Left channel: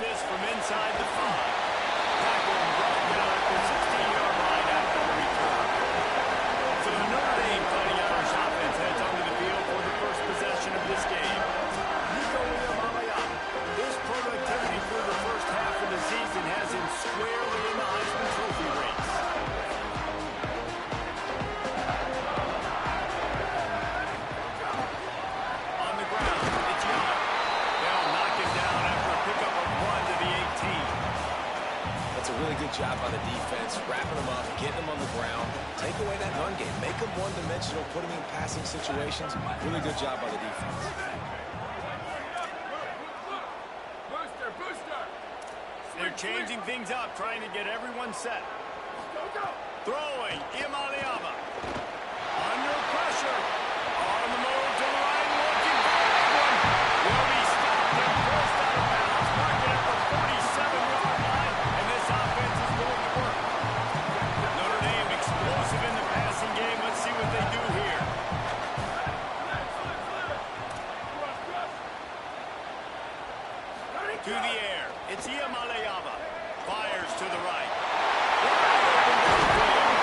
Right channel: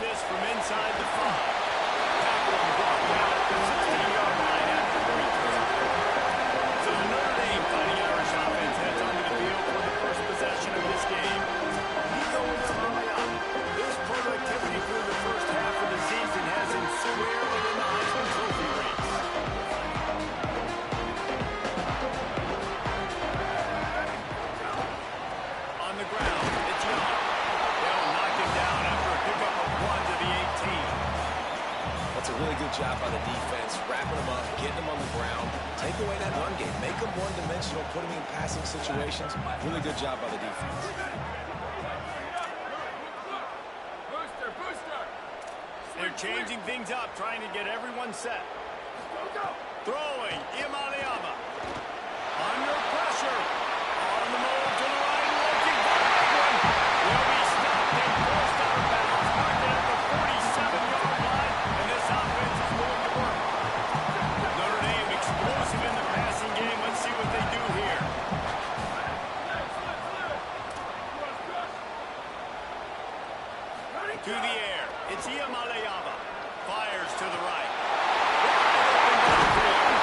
this from inside the 5. Tackle and brought down at the 16-yard line after the return. So the Notre Dame Fighting Irish offense heads onto the field for the first possession of this game. Nico Iamaleava. His productivity through the first half of the season has him squarely in the Heisman Trophy race. On the ground, it's Young. They'll knock him down after a pickup of 1 to the 18. That's a really good job by the defense, wrapping them up, getting them on the ground. Take away that run game. Make them one-dimensional, put them in passing situations. Really good job by the defense. They're changing things up, trying to get everyone set. Throwing, Iamaleava. Under pressure. On the move to the right, looking for a big one. Will be stopped and forced out of bounds. Marked at the 47-yard line, and this offense is going to work. Notre Dame explosive in the passing game. Let's see what they do here. To the air. It's Iamaleava. Fires to the right. Wide open downfield.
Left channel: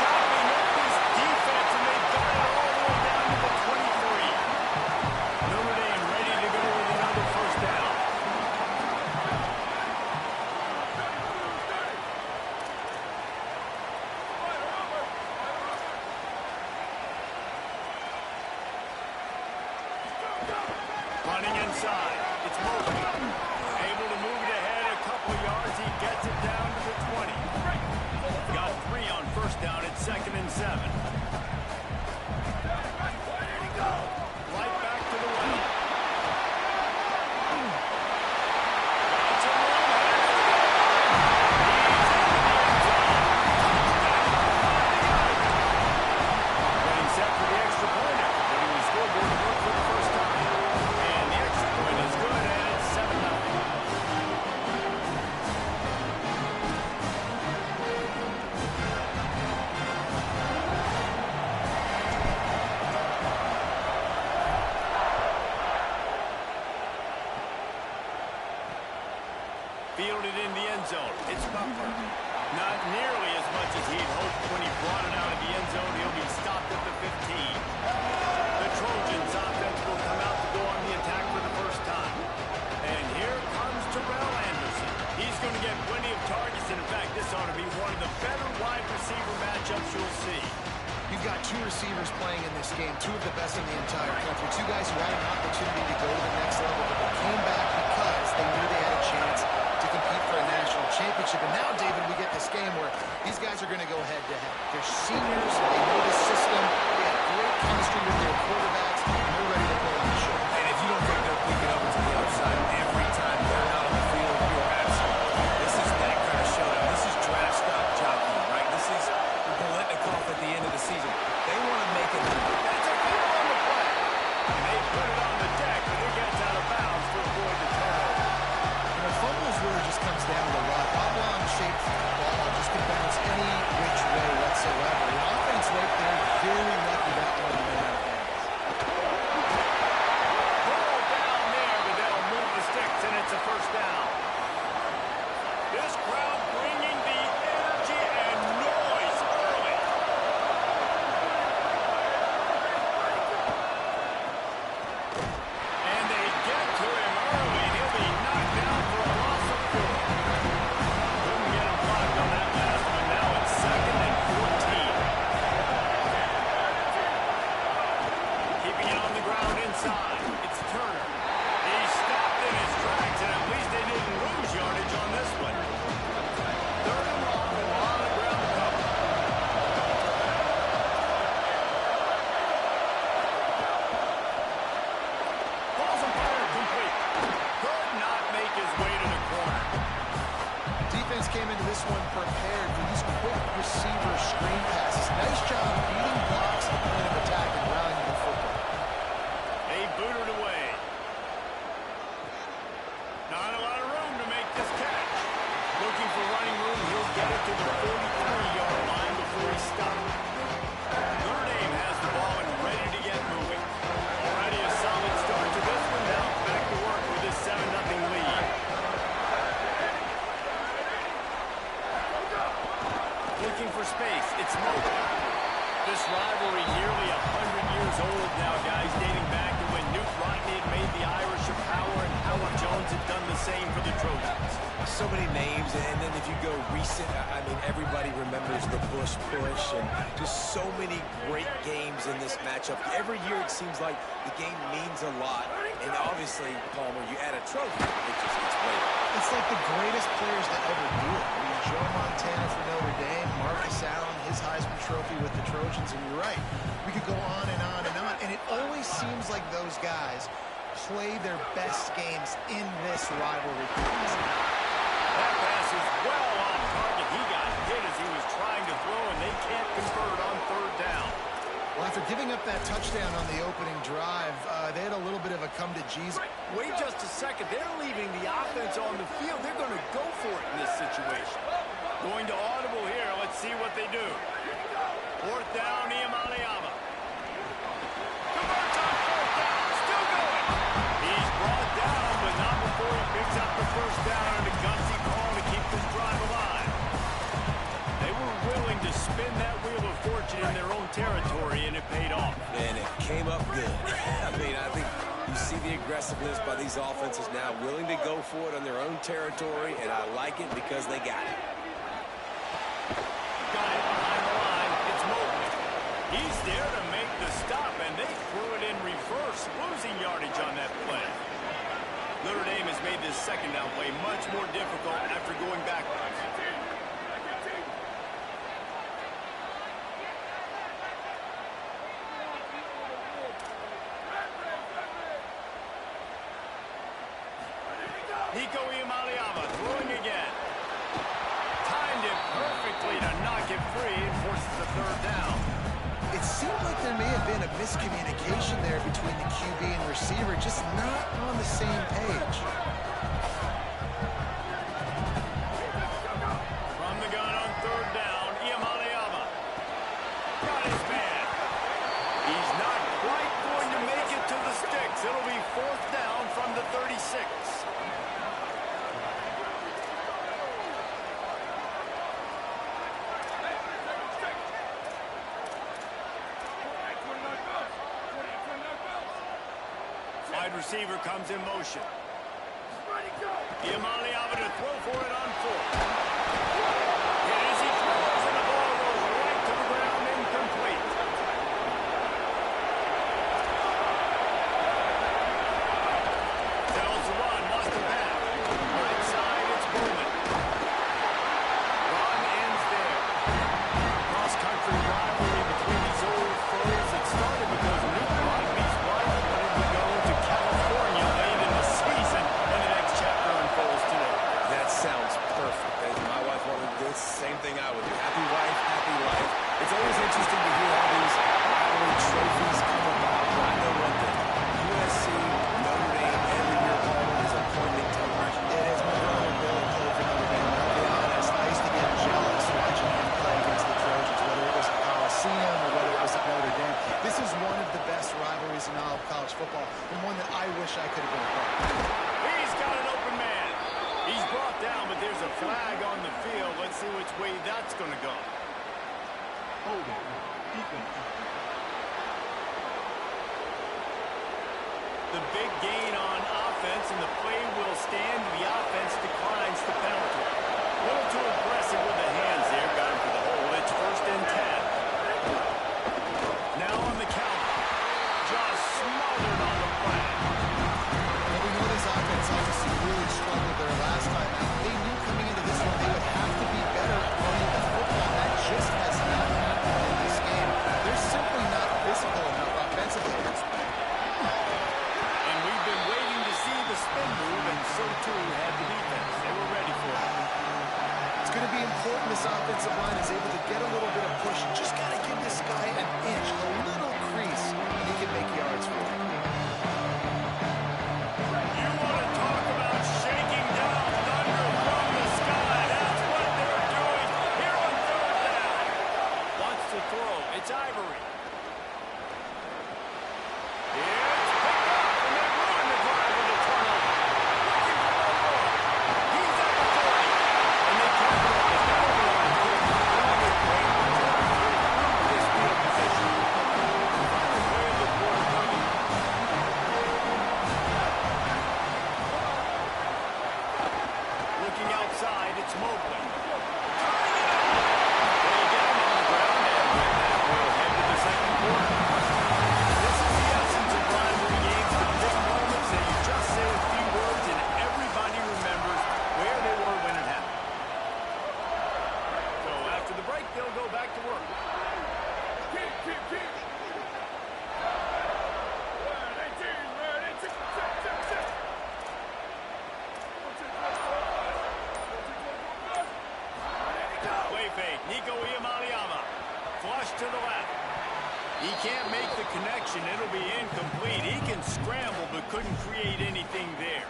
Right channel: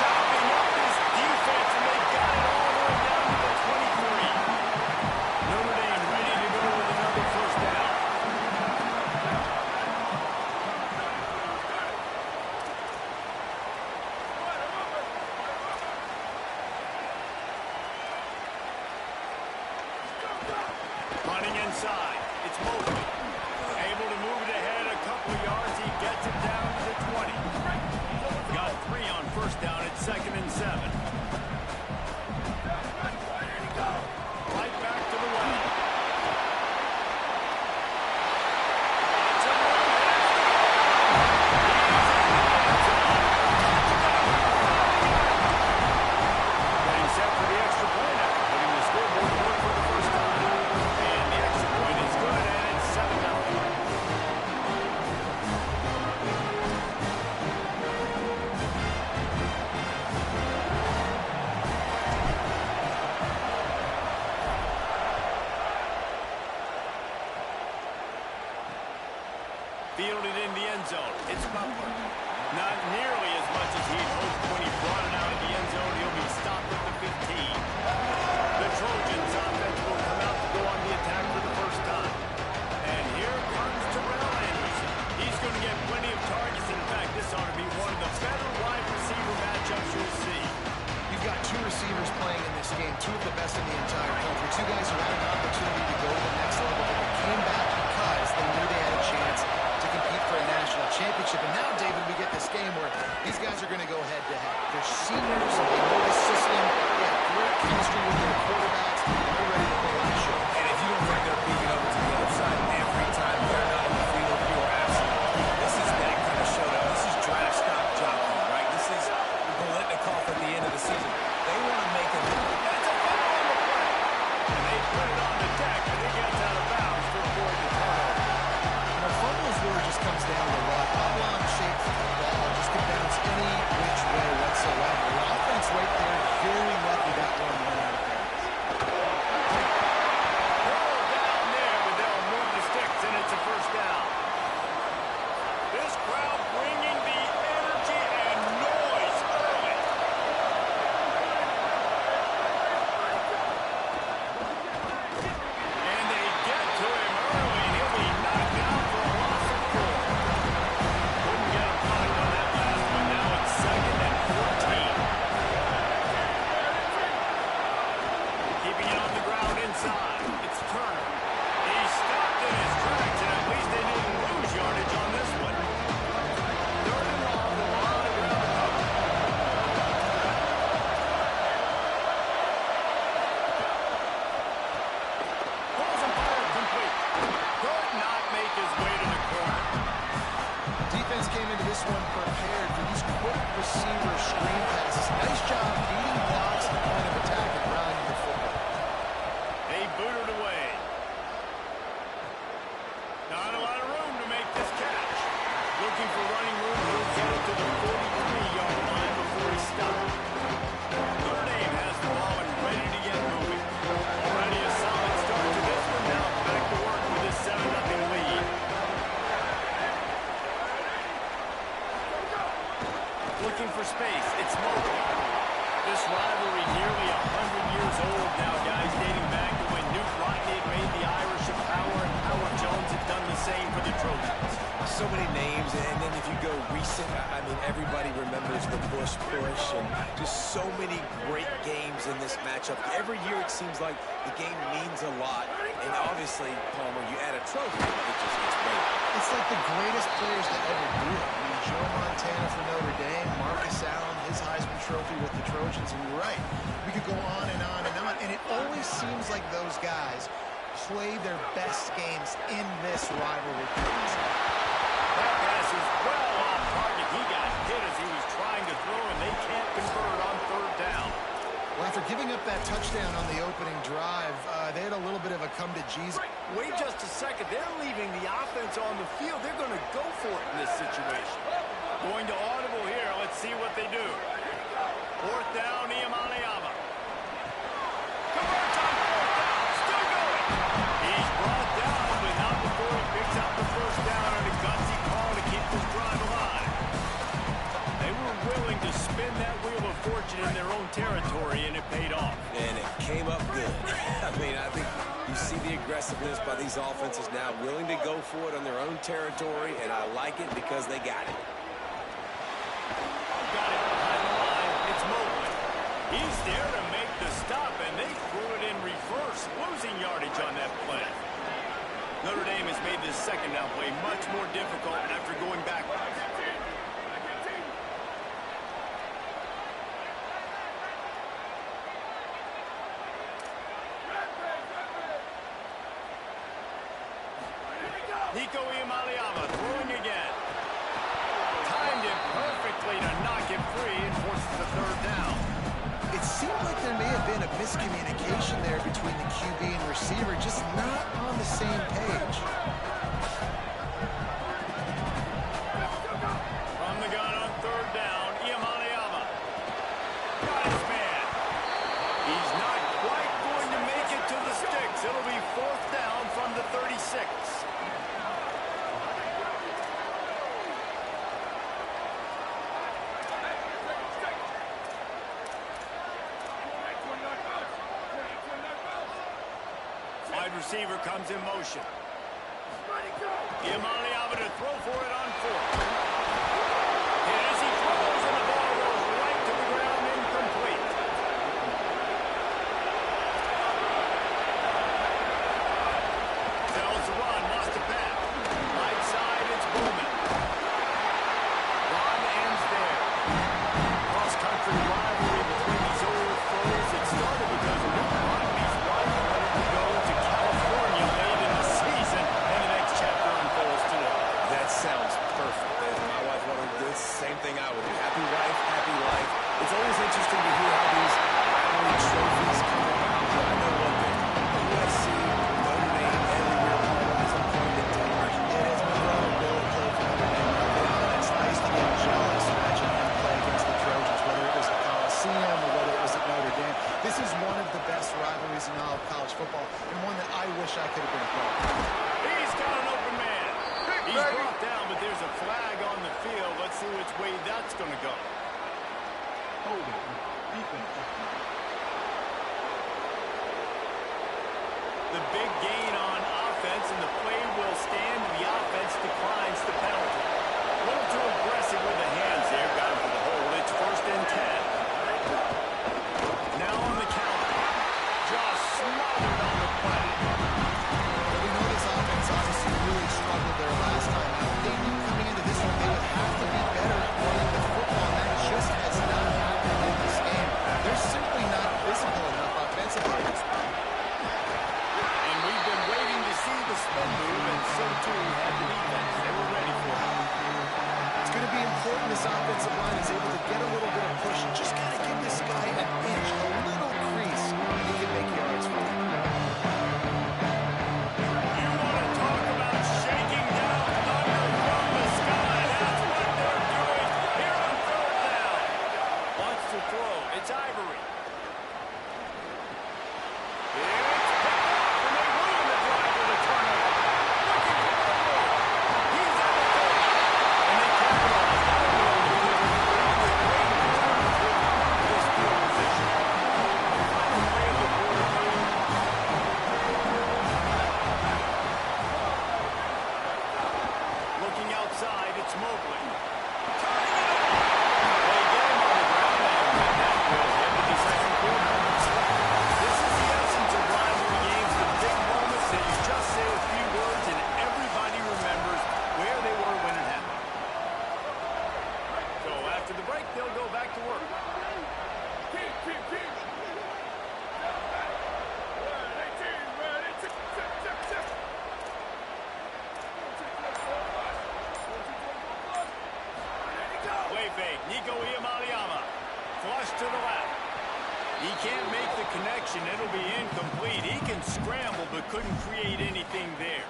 Chopping up this defense, and they've got it all the way down to the 23. Notre Dame ready to go with another first down. Running inside. It's Mobley. Able to move it ahead a couple of yards. He gets it down to the 20. Got 3 on first down at 2nd and 7. Right back to the well. Got some room ahead of the goal line. He's into the end zone. Touchdown, 40 yards. Getting set for the extra point after putting the scoreboard to work for the first time. And the extra point is good, and it's 7-0. Fielded in the end zone. It's Butler. Not nearly as much as he'd hoped when he brought it out of the end zone. He'll be stopped at the 15. The Trojans offense will come out to go on the attack for the first time. And here comes Terrell Anderson. He's going to get plenty of targets. And in fact, this ought to be one of the better wide receiver matchups you'll see. You've got 2 receivers playing in this game, 2 of the best in the entire country. 2 guys who had an opportunity to go to the next level, but they came back because they knew they had a chance to compete for a national championship. And now, David, we get this game where these guys are going to go head-to-head. They're seniors, they know the system, they have great chemistry with their quarterbacks, and they're ready to put on a show. And if you don't think they're peeking over to the other side every time they're not on the field, you are absolutely wrong. This is that kind of showdown. This is draft stock jockeying, right? This is Bolitnikoff at the end of the season. They want to make it. That's a foul on the play. And they put it on the deck, but it gets out of bounds to avoid the turnover. Fumbles really just comes down to luck. Oblong-shaped ball just can bounce any which way whatsoever. The offense right there, very lucky that one went out of bounds. Ball down there, but they'll move the sticks, and it's a first down. This crowd bringing the energy and noise early. And they get to him early, and he'll be knocked down for a loss of 4. Couldn't get him blocked on that last one. Now it's 2nd and 14. Keeping it on the ground inside. It's Turner. He stopped in his tracks, and at least they didn't lose yardage on this one. 3rd and long, a lot of ground to cover. Balls and fire complete. Could not make his way to the corner. Defense came into this one prepared for these quick receiver screen passes. Nice job beating blocks at the point of attack and rallying the football. They booted away. Not a lot of room to make this catch. Looking for running room, he'll get it to the 43-yard line before he stops. Notre Dame has the ball and ready to get moving. Already a solid start to this one. Now back to work with his 7-0 lead. is old now, guys, dating back to when Newt Rockne had made the Irish a power and Howard Jones had done the same for the Trojans. So many names, and then if you go recent, I mean, everybody remembers the Bush push and just so many great games in this matchup. Every year it seems like the game means a lot, and obviously, Palmer, you add a trophy, it just gets weighted. It's like the greatest players to ever do it. I mean, Joe Montana for Notre Dame, Marcus Allen, his Heisman Trophy with the Trojans, and you're right. We could go on and on and on, and it always seems like those guys play their best games in this rivalry. That pass is well off target. He got hit as he was trying to throw, and they can't convert on third down. Well, after giving up that touchdown on the opening drive, they had a little bit of a come to Jesus. Wait just a second. They're leaving the offense on the field. They're going to go for it in this situation. Going to audible here. Let's see what they do. Fourth down, Iamaleava. Converts on fourth down. Still going. He's brought down, but not before he picks up the first down on a gutsy call to keep this drive alive. They were willing to spin that wheel of fortune in their own territory, and it paid off. And it came up good. I mean, I think you see the aggressiveness by these offenses now, willing to go for it on their own territory, and I like it because they got it. Got it behind the line. It's Mobley. He's there to make the stop, and they threw it in reverse, losing yardage on that play. Notre Dame has made this second down play much more difficult after going backwards. Nico Iamaleava throwing again. Timed it perfectly to knock it free and forces the third down. It seemed like there may have been a miscommunication there between the QB and receiver, just not on the same page. From the gun on third down, Iamaleava. Got his man. He's not quite going to make it to the sticks. It'll be fourth down from the 36. Wide receiver comes in motion. Iamaleava to throw for it on fourth. And as he throws, and the ball goes right to the ground, incomplete. Tells the run, lost the pass. Right side, it's Bowman. Run ends there. Cross-country rivalry between these old foes. It started because Newt Rockne's wife wanted to go to California late in the season, and the next chapter unfolds today. That sounds perfect. If my wife wanted to do the same thing I would do. Happy wife, happy life. It's always interesting to hear how these rivalry trophies come about, but I know one thing. USC, Notre Dame, every year, Palmer is a point in television. It is. My brother Billy played for Notre Dame, and I'll be honest, I used to get jealous watching him play against the Trojans, whether it was at Coliseum or whether it was at Notre Dame. This is one of the best rivalries in all of college football, and one that I wish I could have been a part of. He's got an open man. He's brought down, but there's a flag on the field. Let's see which way that's going to go. Holding. Defense. The big gain on offense, and the play will stand. The offense declines the penalty. A little too aggressive with the hands there. Got him for the hold. It's first and 10. Now on the counter. Just smothered on the flag. Well, we know this offense obviously really struggled there last time out. They knew coming into this one they would have to be better at running the football, and that just has not happened in this game. They're simply not physical enough offensively at this point. And we've been waiting to see the spin move, and so too had the defense. They were ready for it. It's going to be important this offensive line is able to get a little bit of push. You just got to give this guy an inch, a little crease, and he can make yards for you. You want to talk about shaking down thunder from the sky. That's what they're doing here on third down. Wants to throw. It's Ivory. It's picked up, and they ruin the drive with a turnover. Looking for more room. He's at the 30. And they capitalize not only on the quick, but on the great return to improve this field position. The final play of the fake. Nico Iamaleava. Flush to the left. He can't make the connection. It'll be incomplete. He can scramble, but couldn't create anything there.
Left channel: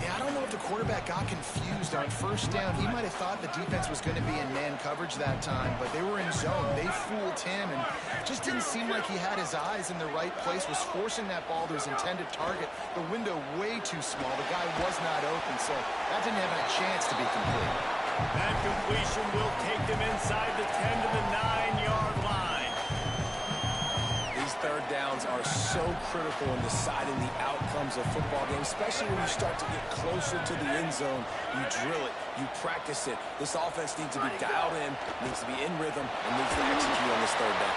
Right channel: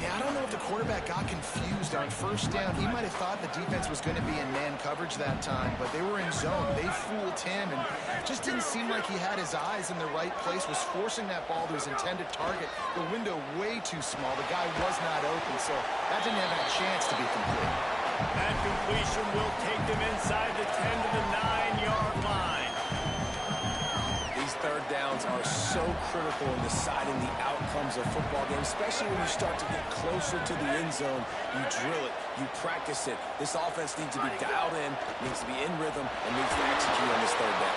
Yeah, I don't know if the quarterback got confused on first down. He might have thought the defense was going to be in man coverage that time, but they were in zone. They fooled him, and just didn't seem like he had his eyes in the right place, was forcing that ball to his intended target. The window way too small. The guy was not open, so that didn't have a chance to be complete. That completion will take them inside the 10 to the 9-yard line. These third downs are so critical in deciding the outcomes of football games, especially when you start to get closer to the end zone. You drill it, you practice it. This offense needs to be dialed in, needs to be in rhythm, and needs to execute on this third down.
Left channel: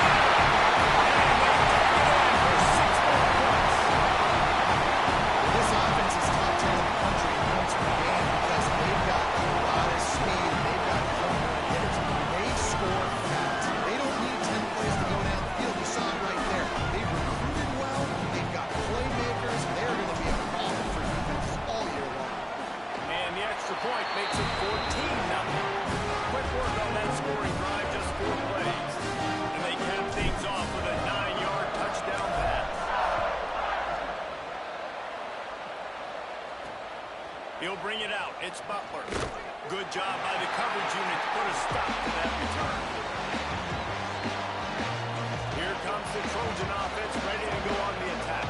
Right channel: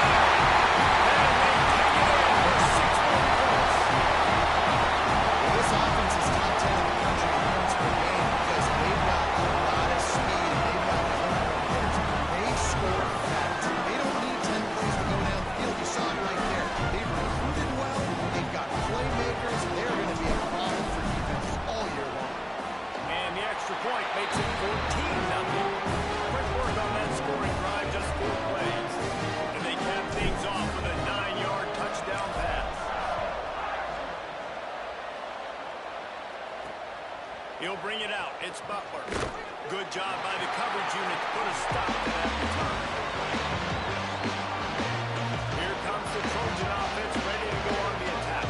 And they take it in for 6 more points. Well, this offense is top 10 in the country in points per game because they've got a lot of speed and they've got home run hitters. They score fast. They don't need 10 plays to go down the field. You saw it right there. They've recruited well. They've got playmakers. They're going to be a problem for defenses all year long. And the extra point makes it 14-0. Quick work on that scoring drive, just 4 plays. And they cap things off with a 9-yard touchdown pass. He'll bring it out. It's Butler. Good job by the coverage unit to put a stop to that return. Here comes the Trojan offense ready to go on the attack.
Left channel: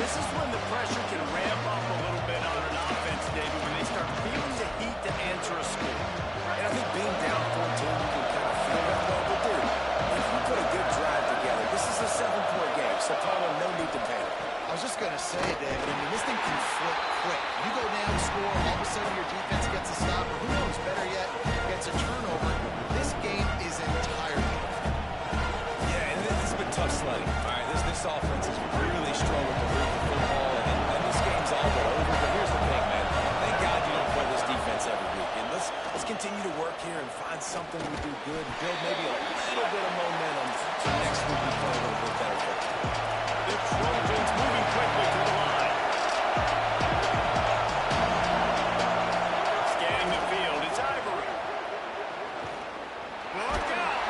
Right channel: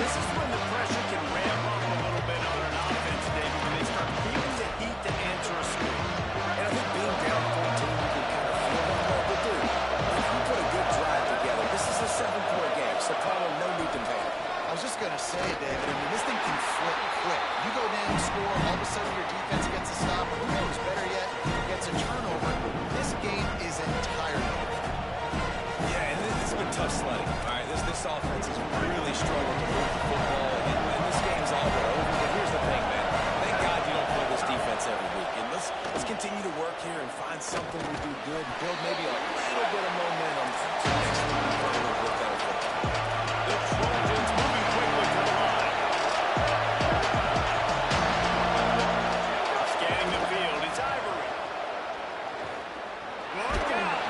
This is when the pressure can ramp up a little bit on an offense, David, when they start feeling the heat to answer a score. And I think being down 14, you can kind of feel that way. But, dude, if you put a good drive together, this is a 7-point game, so Palmer, no need to panic. I was just going to say, David, I mean, this thing can flip quick. You go down, score, all of a sudden your defense gets a stop, or who knows, better yet, gets a turnover. This game is entirely different. Yeah, and this has been tough sledding. All right, this offense has really struggled to move the football, and this game's all but over. But here's the thing, man. Thank God you don't play this defense every week. And let's continue to work here and find something we do good and build maybe a little bit of momentum so next week we play a little bit better football. The Trojans moving quickly to the line. Scanning the field, it's Ivory. Look out!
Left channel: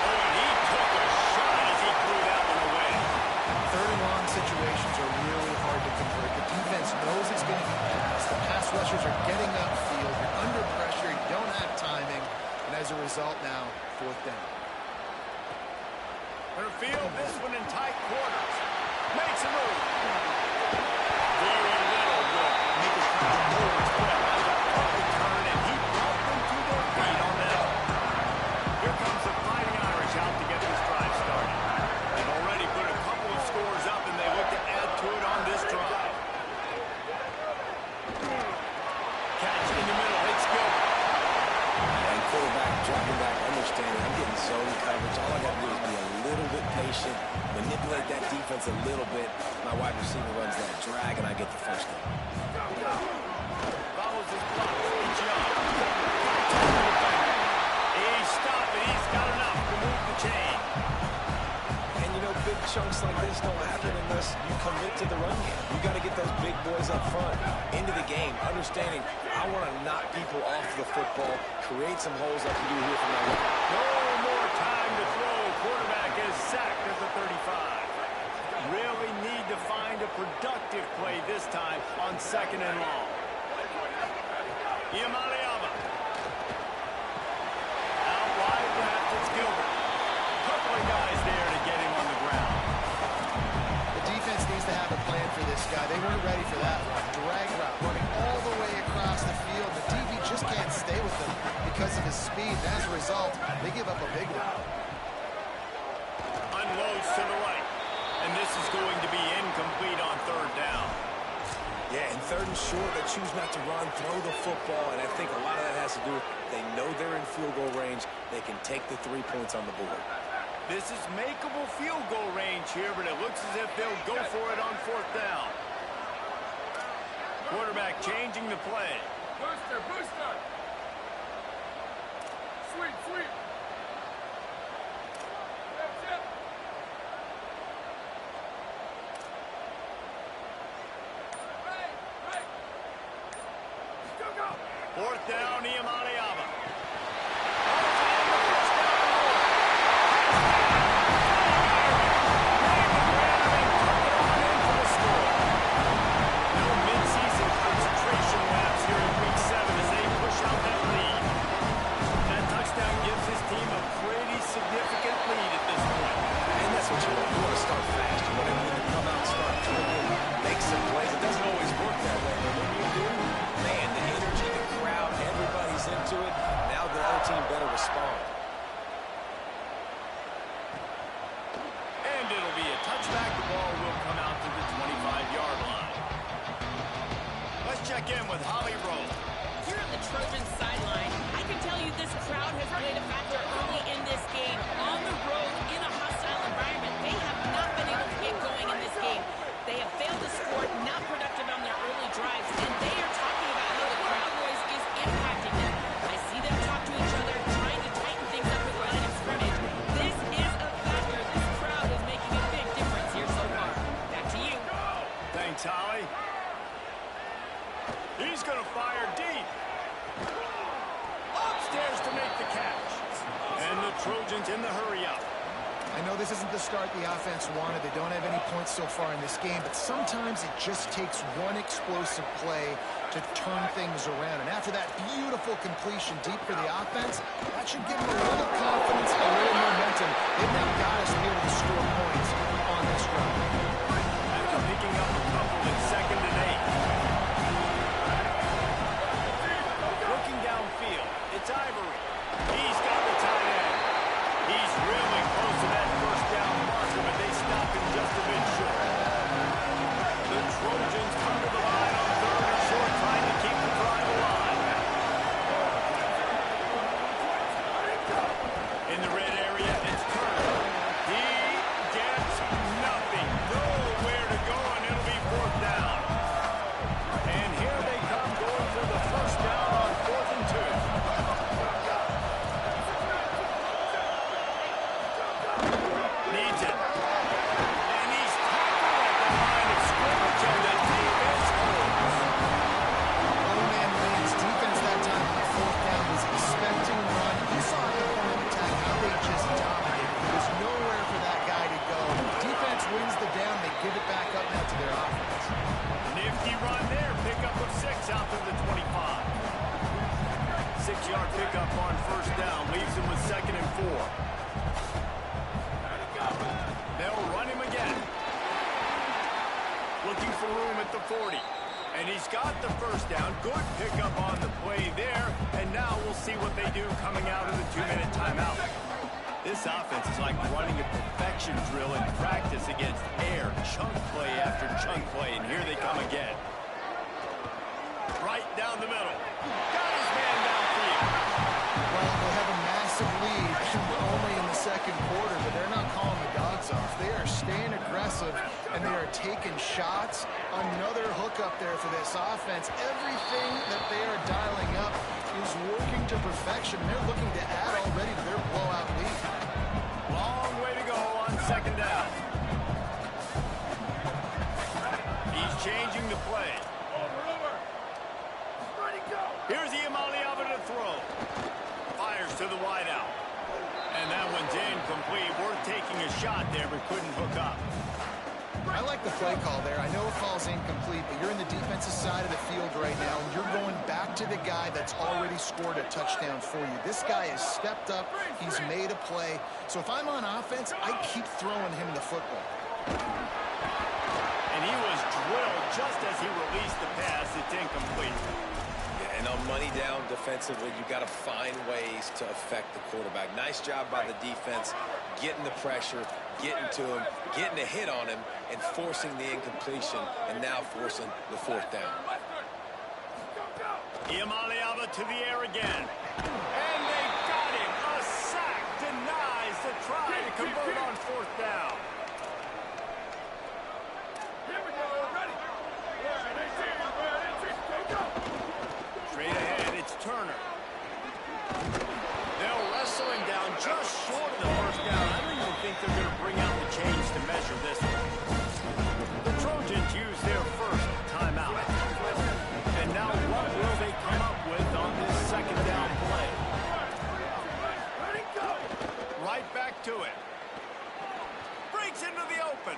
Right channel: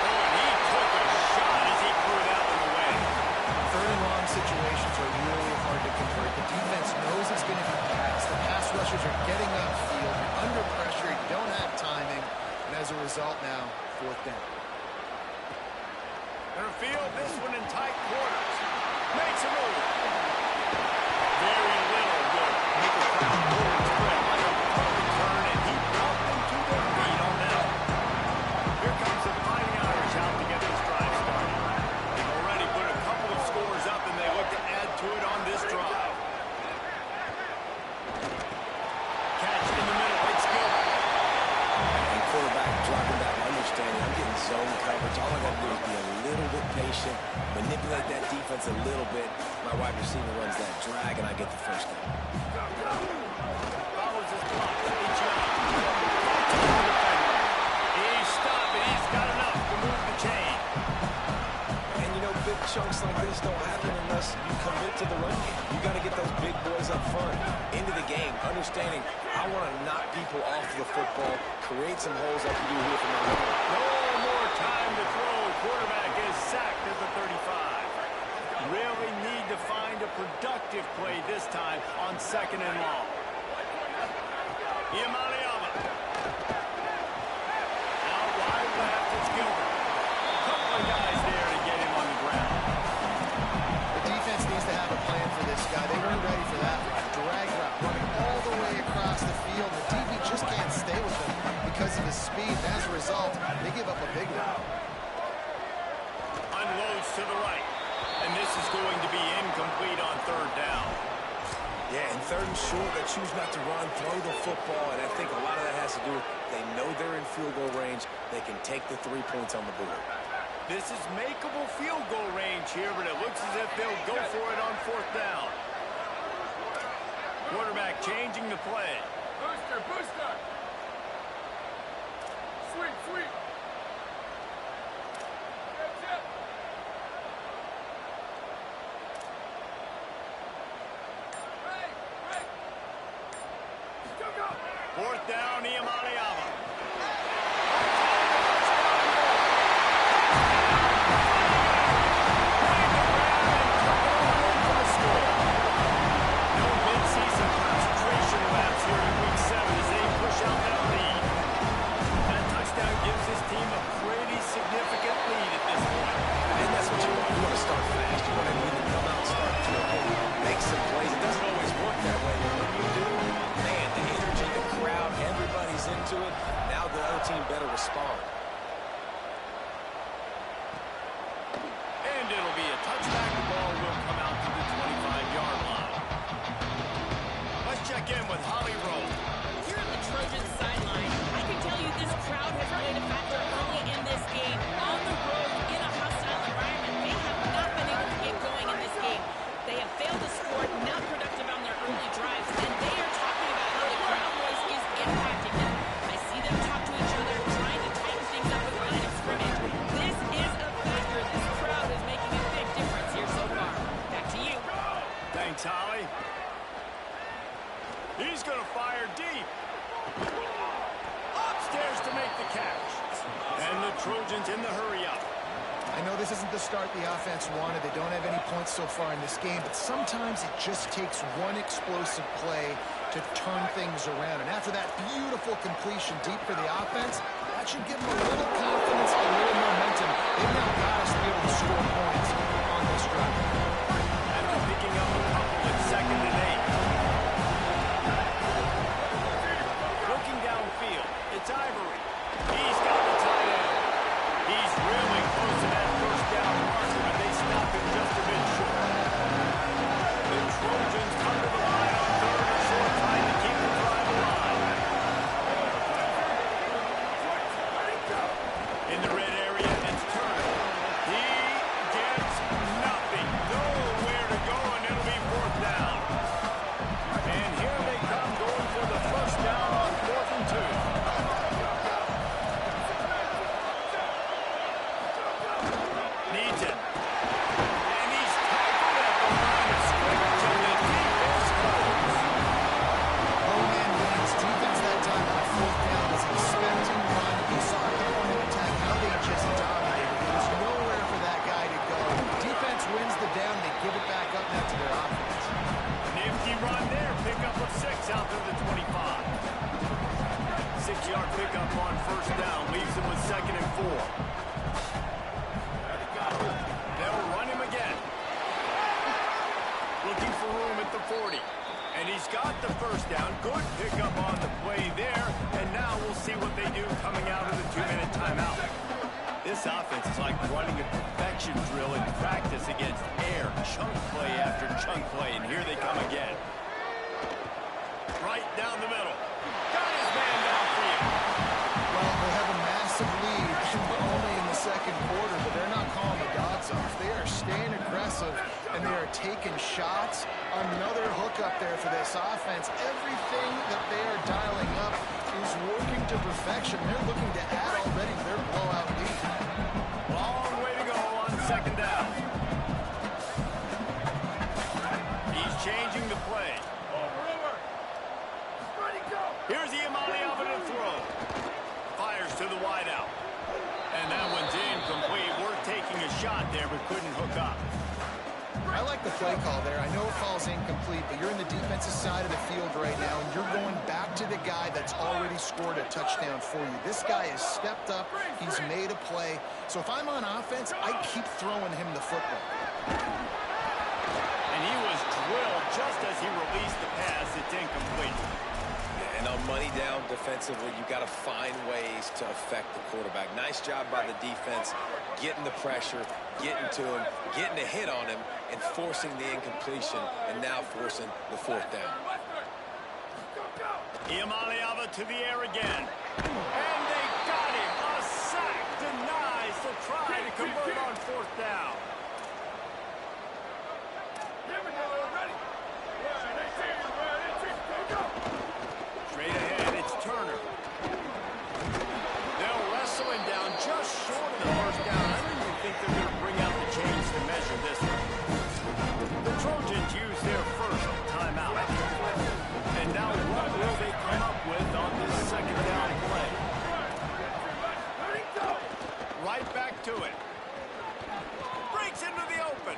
Oh, and he took a shot as he threw that one away. Third and long situations are really hard to convert. The defense knows it's going to be passed. The pass rushers are getting upfield. You're under pressure. You don't have timing. And as a result now, 4th down. Gonna field this one in tight quarters. Makes a move. Very little will make a crowd forward spread like a punt return, and he brought them to their feet on that. Here comes the Fighting Irish out to get this drive started. They've already put a couple of scores up, and they look to add to it on this drive. Catch in the middle. It's Gilbert. And quarterback dropping back, understanding I'm getting zone coverage. All I got to do is be a little bit patient, manipulate that defense a little bit. My wide receiver runs that drag, and I get the first down. Follows his block. It's Young. Fights over the defender. He's stopped, and he's got enough to move the chain. And, you know, big chunks like this don't happen unless you commit to the run game. You got to get those big boys up front, into the game, understanding I want to knock people off the football, create some holes like you do here from my right. No more time to throw. Quarterback is sacked at the 35. Really need to find a productive play this time on 2nd and long. Iamaleava. Out wide left, it's Gilbert. Couple of guys there to get him on the ground. The defense needs to have a plan for this guy. They weren't ready for that one. Drag route, running all the way across the field. The DB just can't stay with him because of his speed. And as a result, they give up a big route. Unloads to the right. And this is going to be incomplete on 3rd down. Yeah, and 3rd and short, they choose not to run, throw the football, and I think a lot of that has to do with they know they're in field goal range. They can take the 3 points on the board. This is makeable field goal range here, but it looks as if they'll go for it on 4th down. Quarterback changing the play. Booster, booster. Sweep, sweep. Zip, zip. Right, right. Still go. Fourth down, Iamaleava. Holds it in the first down and more. Touchdown, fighting Irish. Made the grab and took it on in for the score. No mid-season concentration laps here in Week 7 as they push out that lead. That touchdown gives his team a pretty significant lead at this point. And that's what you want. You want to start fast. You want everyone to come out, start clicking, make some plays. It doesn't always work that way, but when you do, man, the energy, the crowd, everybody's into it. Now the other team better respond. And it'll be a touchback. The ball will come out to the 25-yard line. Let's check in with Holly Rowe. Here on the Trojans sideline, I can tell you this crowd has played a factor early in this game. On the road, in a hostile environment, they have not been able to get going in this game. They have failed to score, not productive on their early drives, and they are talking about how the crowd noise is impacting them. I see them talk to each other, trying to tighten things up at the line of scrimmage. This is a factor. This crowd is making a big difference here so far. Back to you. Thanks, Holly. He's going to fire deep. Upstairs to make the catch. And the Trojans in the hurry-up. I know this isn't the start the offense wanted. They don't have any points so far in this game, but sometimes it just takes one explosive play to turn things around. And after that beautiful completion deep for the offense, that should give them a little confidence, a little momentum. They've now got us to be able to score points on this drive. After picking up a couple at 2nd and 8. Looking downfield, it's Ivory. He's got the tight end. He's really close to that first down marker, but they stop him just a bit short. The Trojans come to the line on 3rd and short, trying to keep the drive alive. In the red area, it's Turner. He gets nothing. Nowhere to go, and it'll be 4th down. And here they come, going for the first down on 4th and 2. Needs it. And he's tackled at the line of scrimmage, and the defense holds. Low man wins. Defense that time on 4th down was expecting run. You saw at the point of attack how they just dominated. There was nowhere for that guy to go. Defense wins the down. They give it back up now to their offense. Nifty run there. Pickup of 6 out to the 25. 6-yard pickup on 1st down. Leaves him with 2nd and 4. They'll run him again. Looking for room at the 40. And he's got the first down. Good pickup on the play there. And now we'll see what they do coming out of the 2-minute timeout. This offense is like running a perfection drill in practice against air. Chunk play after chunk play. And here they come again. Right down the middle. Got his man downfield. Well, they have a massive lead, and we're only in the 2nd quarter, but they're not calling the dogs off. They are staying aggressive, and they are taking shots. Another hook up there for this offense. Everything that they are dialing up is working to perfection. They're looking to add already to their blowout lead. Long way to go on 2nd down. He's changing the play. Over. Ready, go. Here's Iamaleava to throw. Fires to the wideout. And that one's incomplete. Worth taking a shot there, but couldn't hook up. I like the play call there. I know it falls incomplete, but you're in the defensive side of the field right now, and you're going back to the guy that's already scored a touchdown for you. This guy has stepped up. He's made a play. So if I'm on offense, I keep throwing him the football. And he was drilled just as he released the pass. It's incomplete. Yeah, and on money down defensively, you got to find ways to affect the quarterback. Nice job by the defense, getting the pressure, getting to him, getting a hit on him, and forcing the incompletion, and now forcing the 4th down. Iamaleava to the air again. And they got him. A sack denies the try to convert on 4th down. Here we go. Ready. Go. Straight ahead, it's Turner. They'll wrestle him down just short of the first down. I don't even think they're going to bring out the chains to measure this one. The Trojans use their first timeout. And now what will they come up with on to it. Breaks into the open.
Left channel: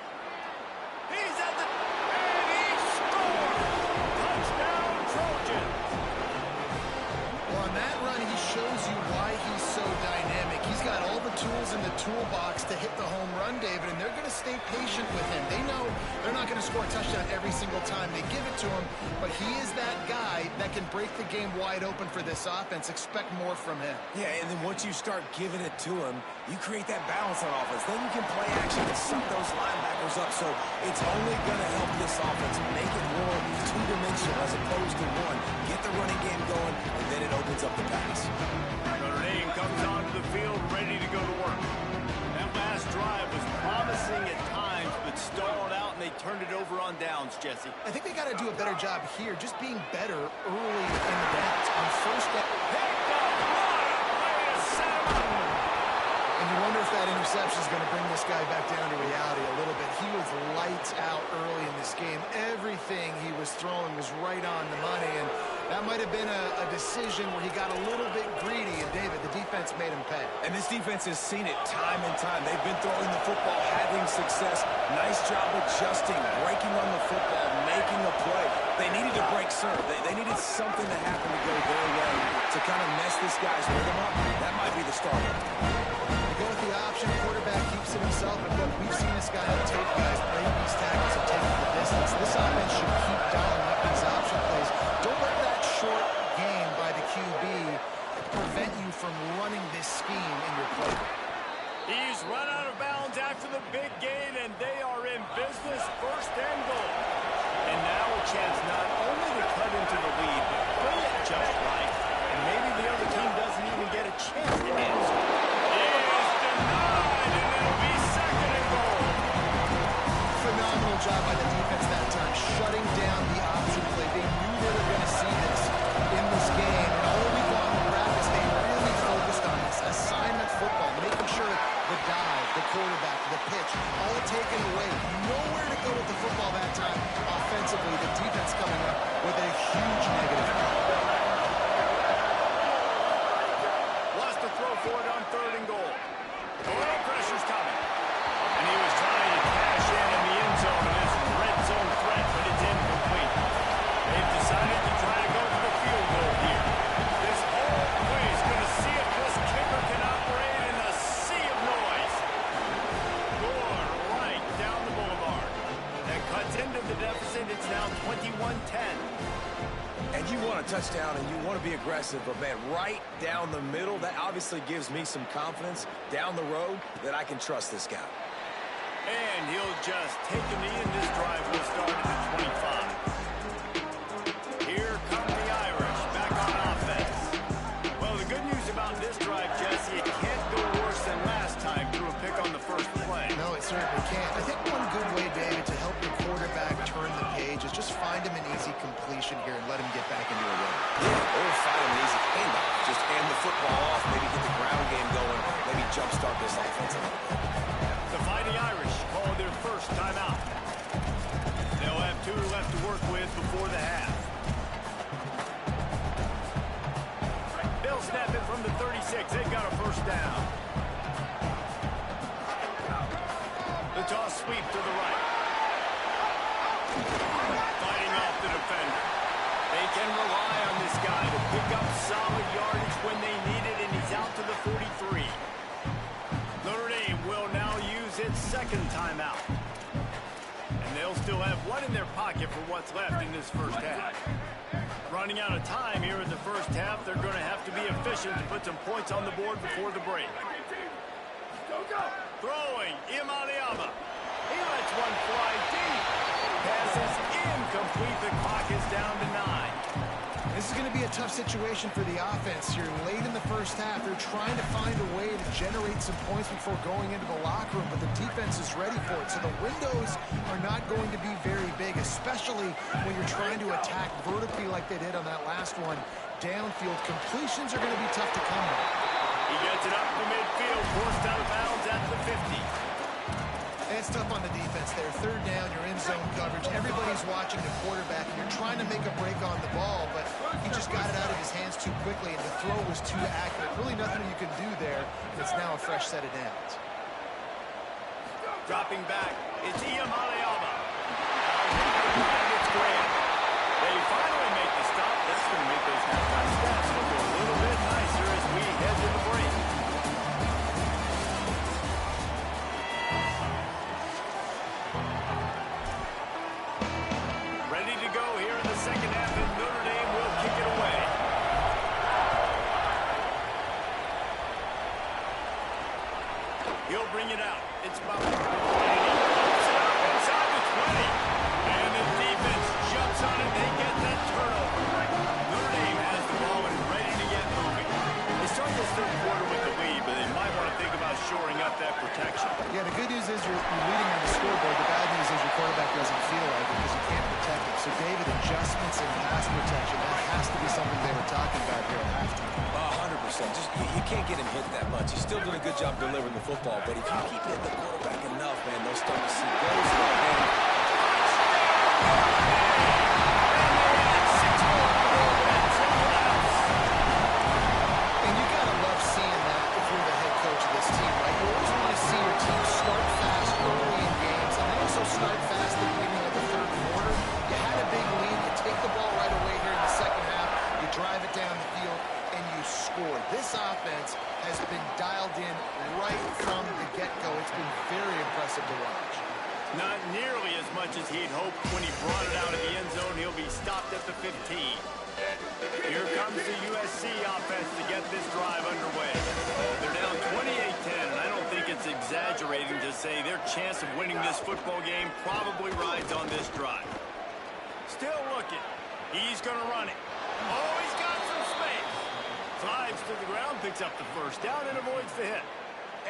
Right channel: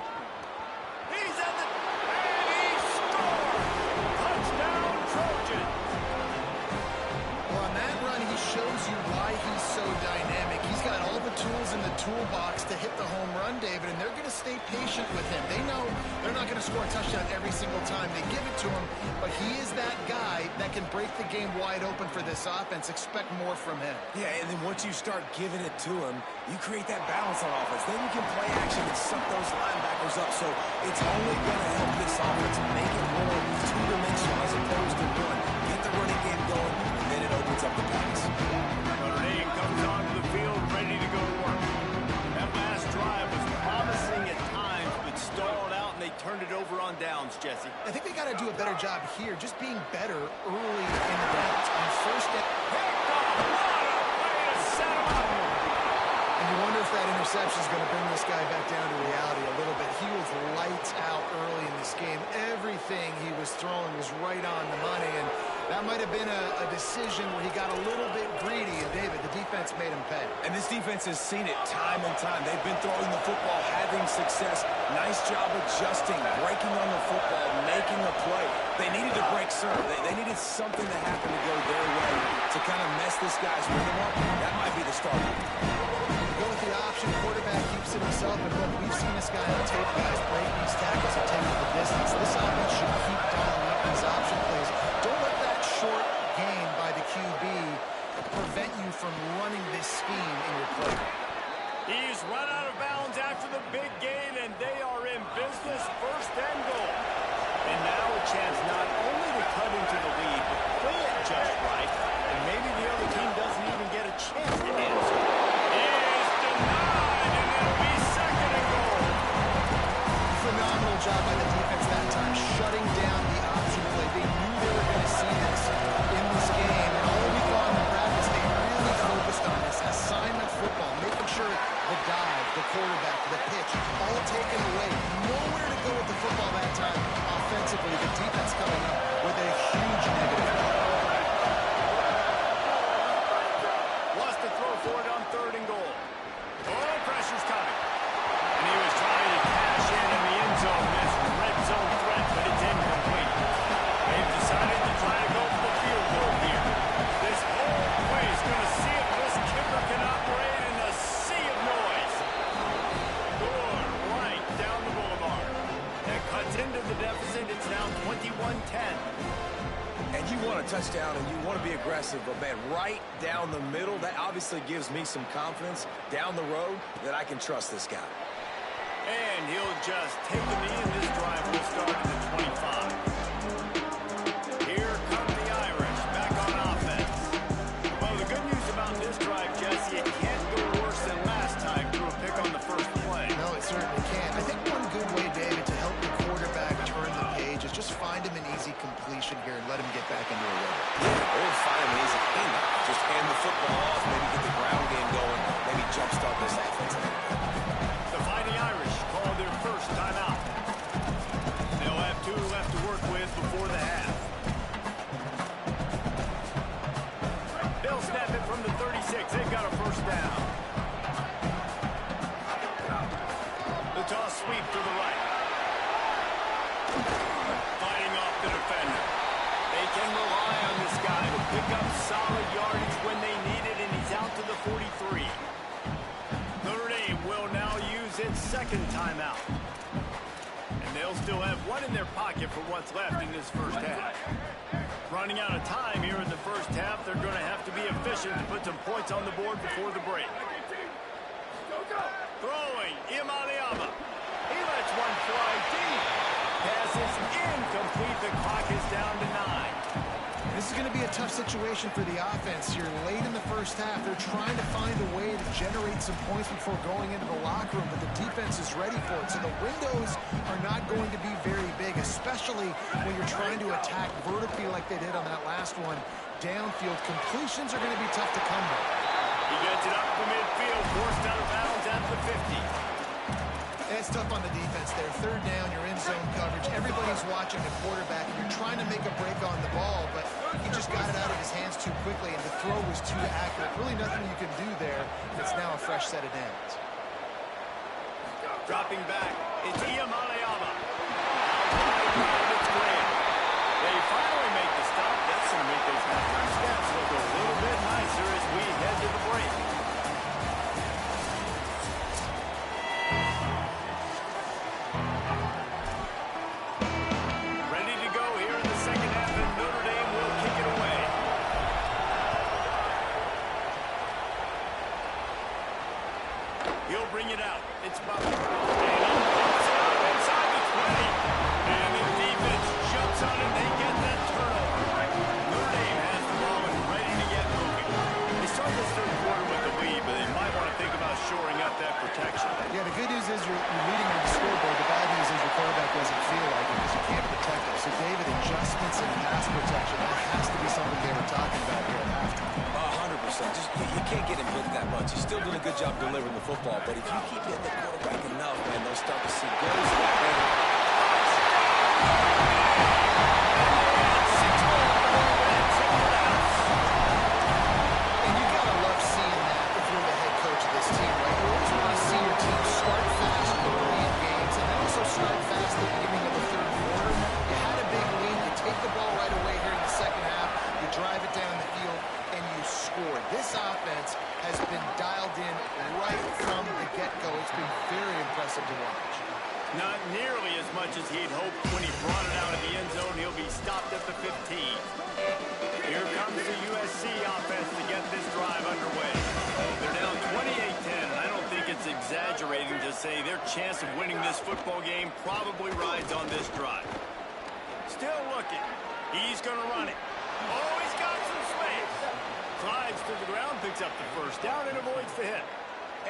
He's at the... And he scores! Touchdown, Trojans! Well, on that run, he shows you why he's so dynamic. He's got all the tools in the toolbox to hit the home run, David, and they're going to stay patient with him. They know they're not going to score a touchdown every single time they give it to him, but he is that guy that can break the game wide open for this offense. Expect more from him. Yeah, and then once you start giving it to him, you create that balance on offense. Then you can play action and suck those linebackers up. So it's only going to help this offense make it more two-dimensional as opposed to one. Get the running game going, and then it opens up the pass. Notre Dame comes onto the field ready to go to work. That last drive was promising at times, but stalled out, and they turned it over on downs, Jesse. I think they got to do a better job here, just being better early in the downs. On first down. Picked off! What a way to set him up! And you wonder if that interception is going to bring this guy back down to reality a little bit. He was lights out early in this game. Everything he was throwing was right on the money, and that might have been a decision where he got a little bit greedy, and David, the defense made him pay. And this defense has seen it time and time. They've been throwing the football, having success. Nice job adjusting, breaking on the football, making a play. They needed to break serve. They needed something to happen to go their way to kind of mess this guy's rhythm up. That might be the starter. They go with the option. Quarterback keeps it himself, and look, we've seen this guy on tape, guys, break these tackles and take it the distance. This offense should keep dialing up these option plays. Don't let that short gain by the QB prevent you from running this scheme in your play. He's run out of bounds after the big gain, and they are in business, first and goal. And now a chance not only to cut into the lead, but play it just right, and maybe the other team doesn't even get a chance to answer. He is denied, and it'll be second and goal. Phenomenal job by the defense that time, shutting down the option play. They knew they were going to see this in this game, and all week long in practice, they really focused on this assignment football, making sure the dive, the quarterback, the pitch, all taken away. Nowhere to go with the football that time offensively. The defense coming up with a huge negative play. Wants to throw for it on third and goal. Oh, pressure's coming. And he was trying to cash in the end zone in this red zone threat, but it's incomplete. They've decided to try to go for the field goal here. This whole play is going to see if this kicker can operate in a sea of noise. Good right down the boulevard. That cuts into the deficit. It's now 21-10. And you want a touchdown and you want to be aggressive, but man, right down the middle, that obviously gives me some confidence down the road that I can trust this guy. And he'll just take a knee, and this drive will start at the 25. Here come the Irish, back on offense. Well, the good news about this drive, Jesse, it can't go worse than last time through a pick on the first play. No, it certainly can't. I think one good way, David, to help the quarterback turn the page is just find him an easy completion here and let him get back into a rhythm. Yeah, or find him an easy handoff. Just hand the football off, maybe get the ground game going, maybe jumpstart this offense a little bit. The Fighting Irish call their first timeout. They'll have 2 left to work with before the half. They'll snap it from the 36. They've got a first down. The toss sweep to the right. Fighting off the defender. They can rely on this guy to pick up solid yardage when they need it, and he's out to the 43. Notre Dame will now use its second timeout. And they'll still have one in their pocket for what's left in this first half. Running out of time here in the first half, they're going to have to be efficient to put some points on the board before the break. Throwing, Imaliama. He lets one fly deep. Pass is incomplete. The clock is down to 9. This is going to be a tough situation for the offense here. Late in the first half, they're trying to find a way to generate some points before going into the locker room, but the defense is ready for it. So the windows are not going to be very big, especially when you're trying to attack vertically like they did on that last one. Downfield completions are going to be tough to come by. He gets it up to midfield, forced out of bounds at the 50. And it's tough on the defense there. Third down, you're in zone coverage. Everybody's watching the quarterback, and you're trying to make a break on the ball, but he just got it out of his hands too quickly, and the throw was too accurate. Really nothing you can do there, and it's now a fresh set of downs. Dropping back, it's Iamaleava. Out wide, it's Graham. They finally make the stop. That's going to make those halftime stats look a little bit nicer as we head to the break. Ready to go here in the second half, and Notre Dame will kick it away. He'll bring it out. It's Butler. And he pumps it up inside the 20. And the defense jumps on it. They get that turnover. Notre Dame has the ball and ready to get moving. They start this third quarter with the lead, but they might want to think about shoring up that protection. Yeah, the good news is you're leading on the scoreboard. The bad news is your quarterback doesn't feel like it because you can't protect him. So, David, adjustments in pass protection, that has to be something they were talking about here at halftime. 100%. Just you can't get him hit that much. He's still doing a good job delivering the football, but if you keep hitting the quarterback enough, man, they'll start to see goals. And you got to love seeing that if you're the head coach of this team, right? You always want to see your team start fast early in games and then also start fast at the beginning of the third quarter. You had a big lead. You take the ball right away here in the second half. You drive it down the field, and you scored. This offense has been dialed in right from the get-go. It's been very impressive to watch. Not nearly as much as he'd hoped when he brought it out of the end zone. He'll be stopped at the 15. Here comes the USC offense to get this drive underway. They're down 28-10, and I don't think it's exaggerating to say their chance of winning this football game probably rides on this drive. Still looking. He's going to run it. Oh, he's got some space. Slides to the ground, picks up the first down, and avoids the hit.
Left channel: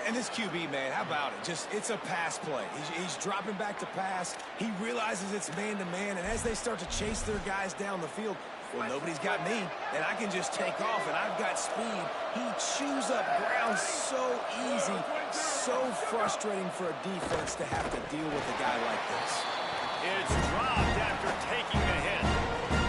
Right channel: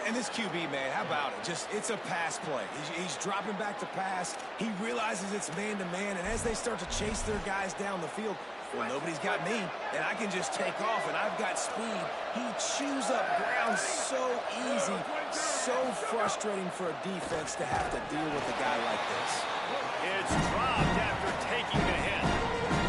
And this QB, man, how about it? It's a pass play. He's dropping back to pass. He realizes it's man-to-man, and as they start to chase their guys down the field, well, nobody's got me, and I can just take off, and I've got speed. He chews up ground so easy, so frustrating for a defense to have to deal with a guy like this. It's dropped after taking the hit.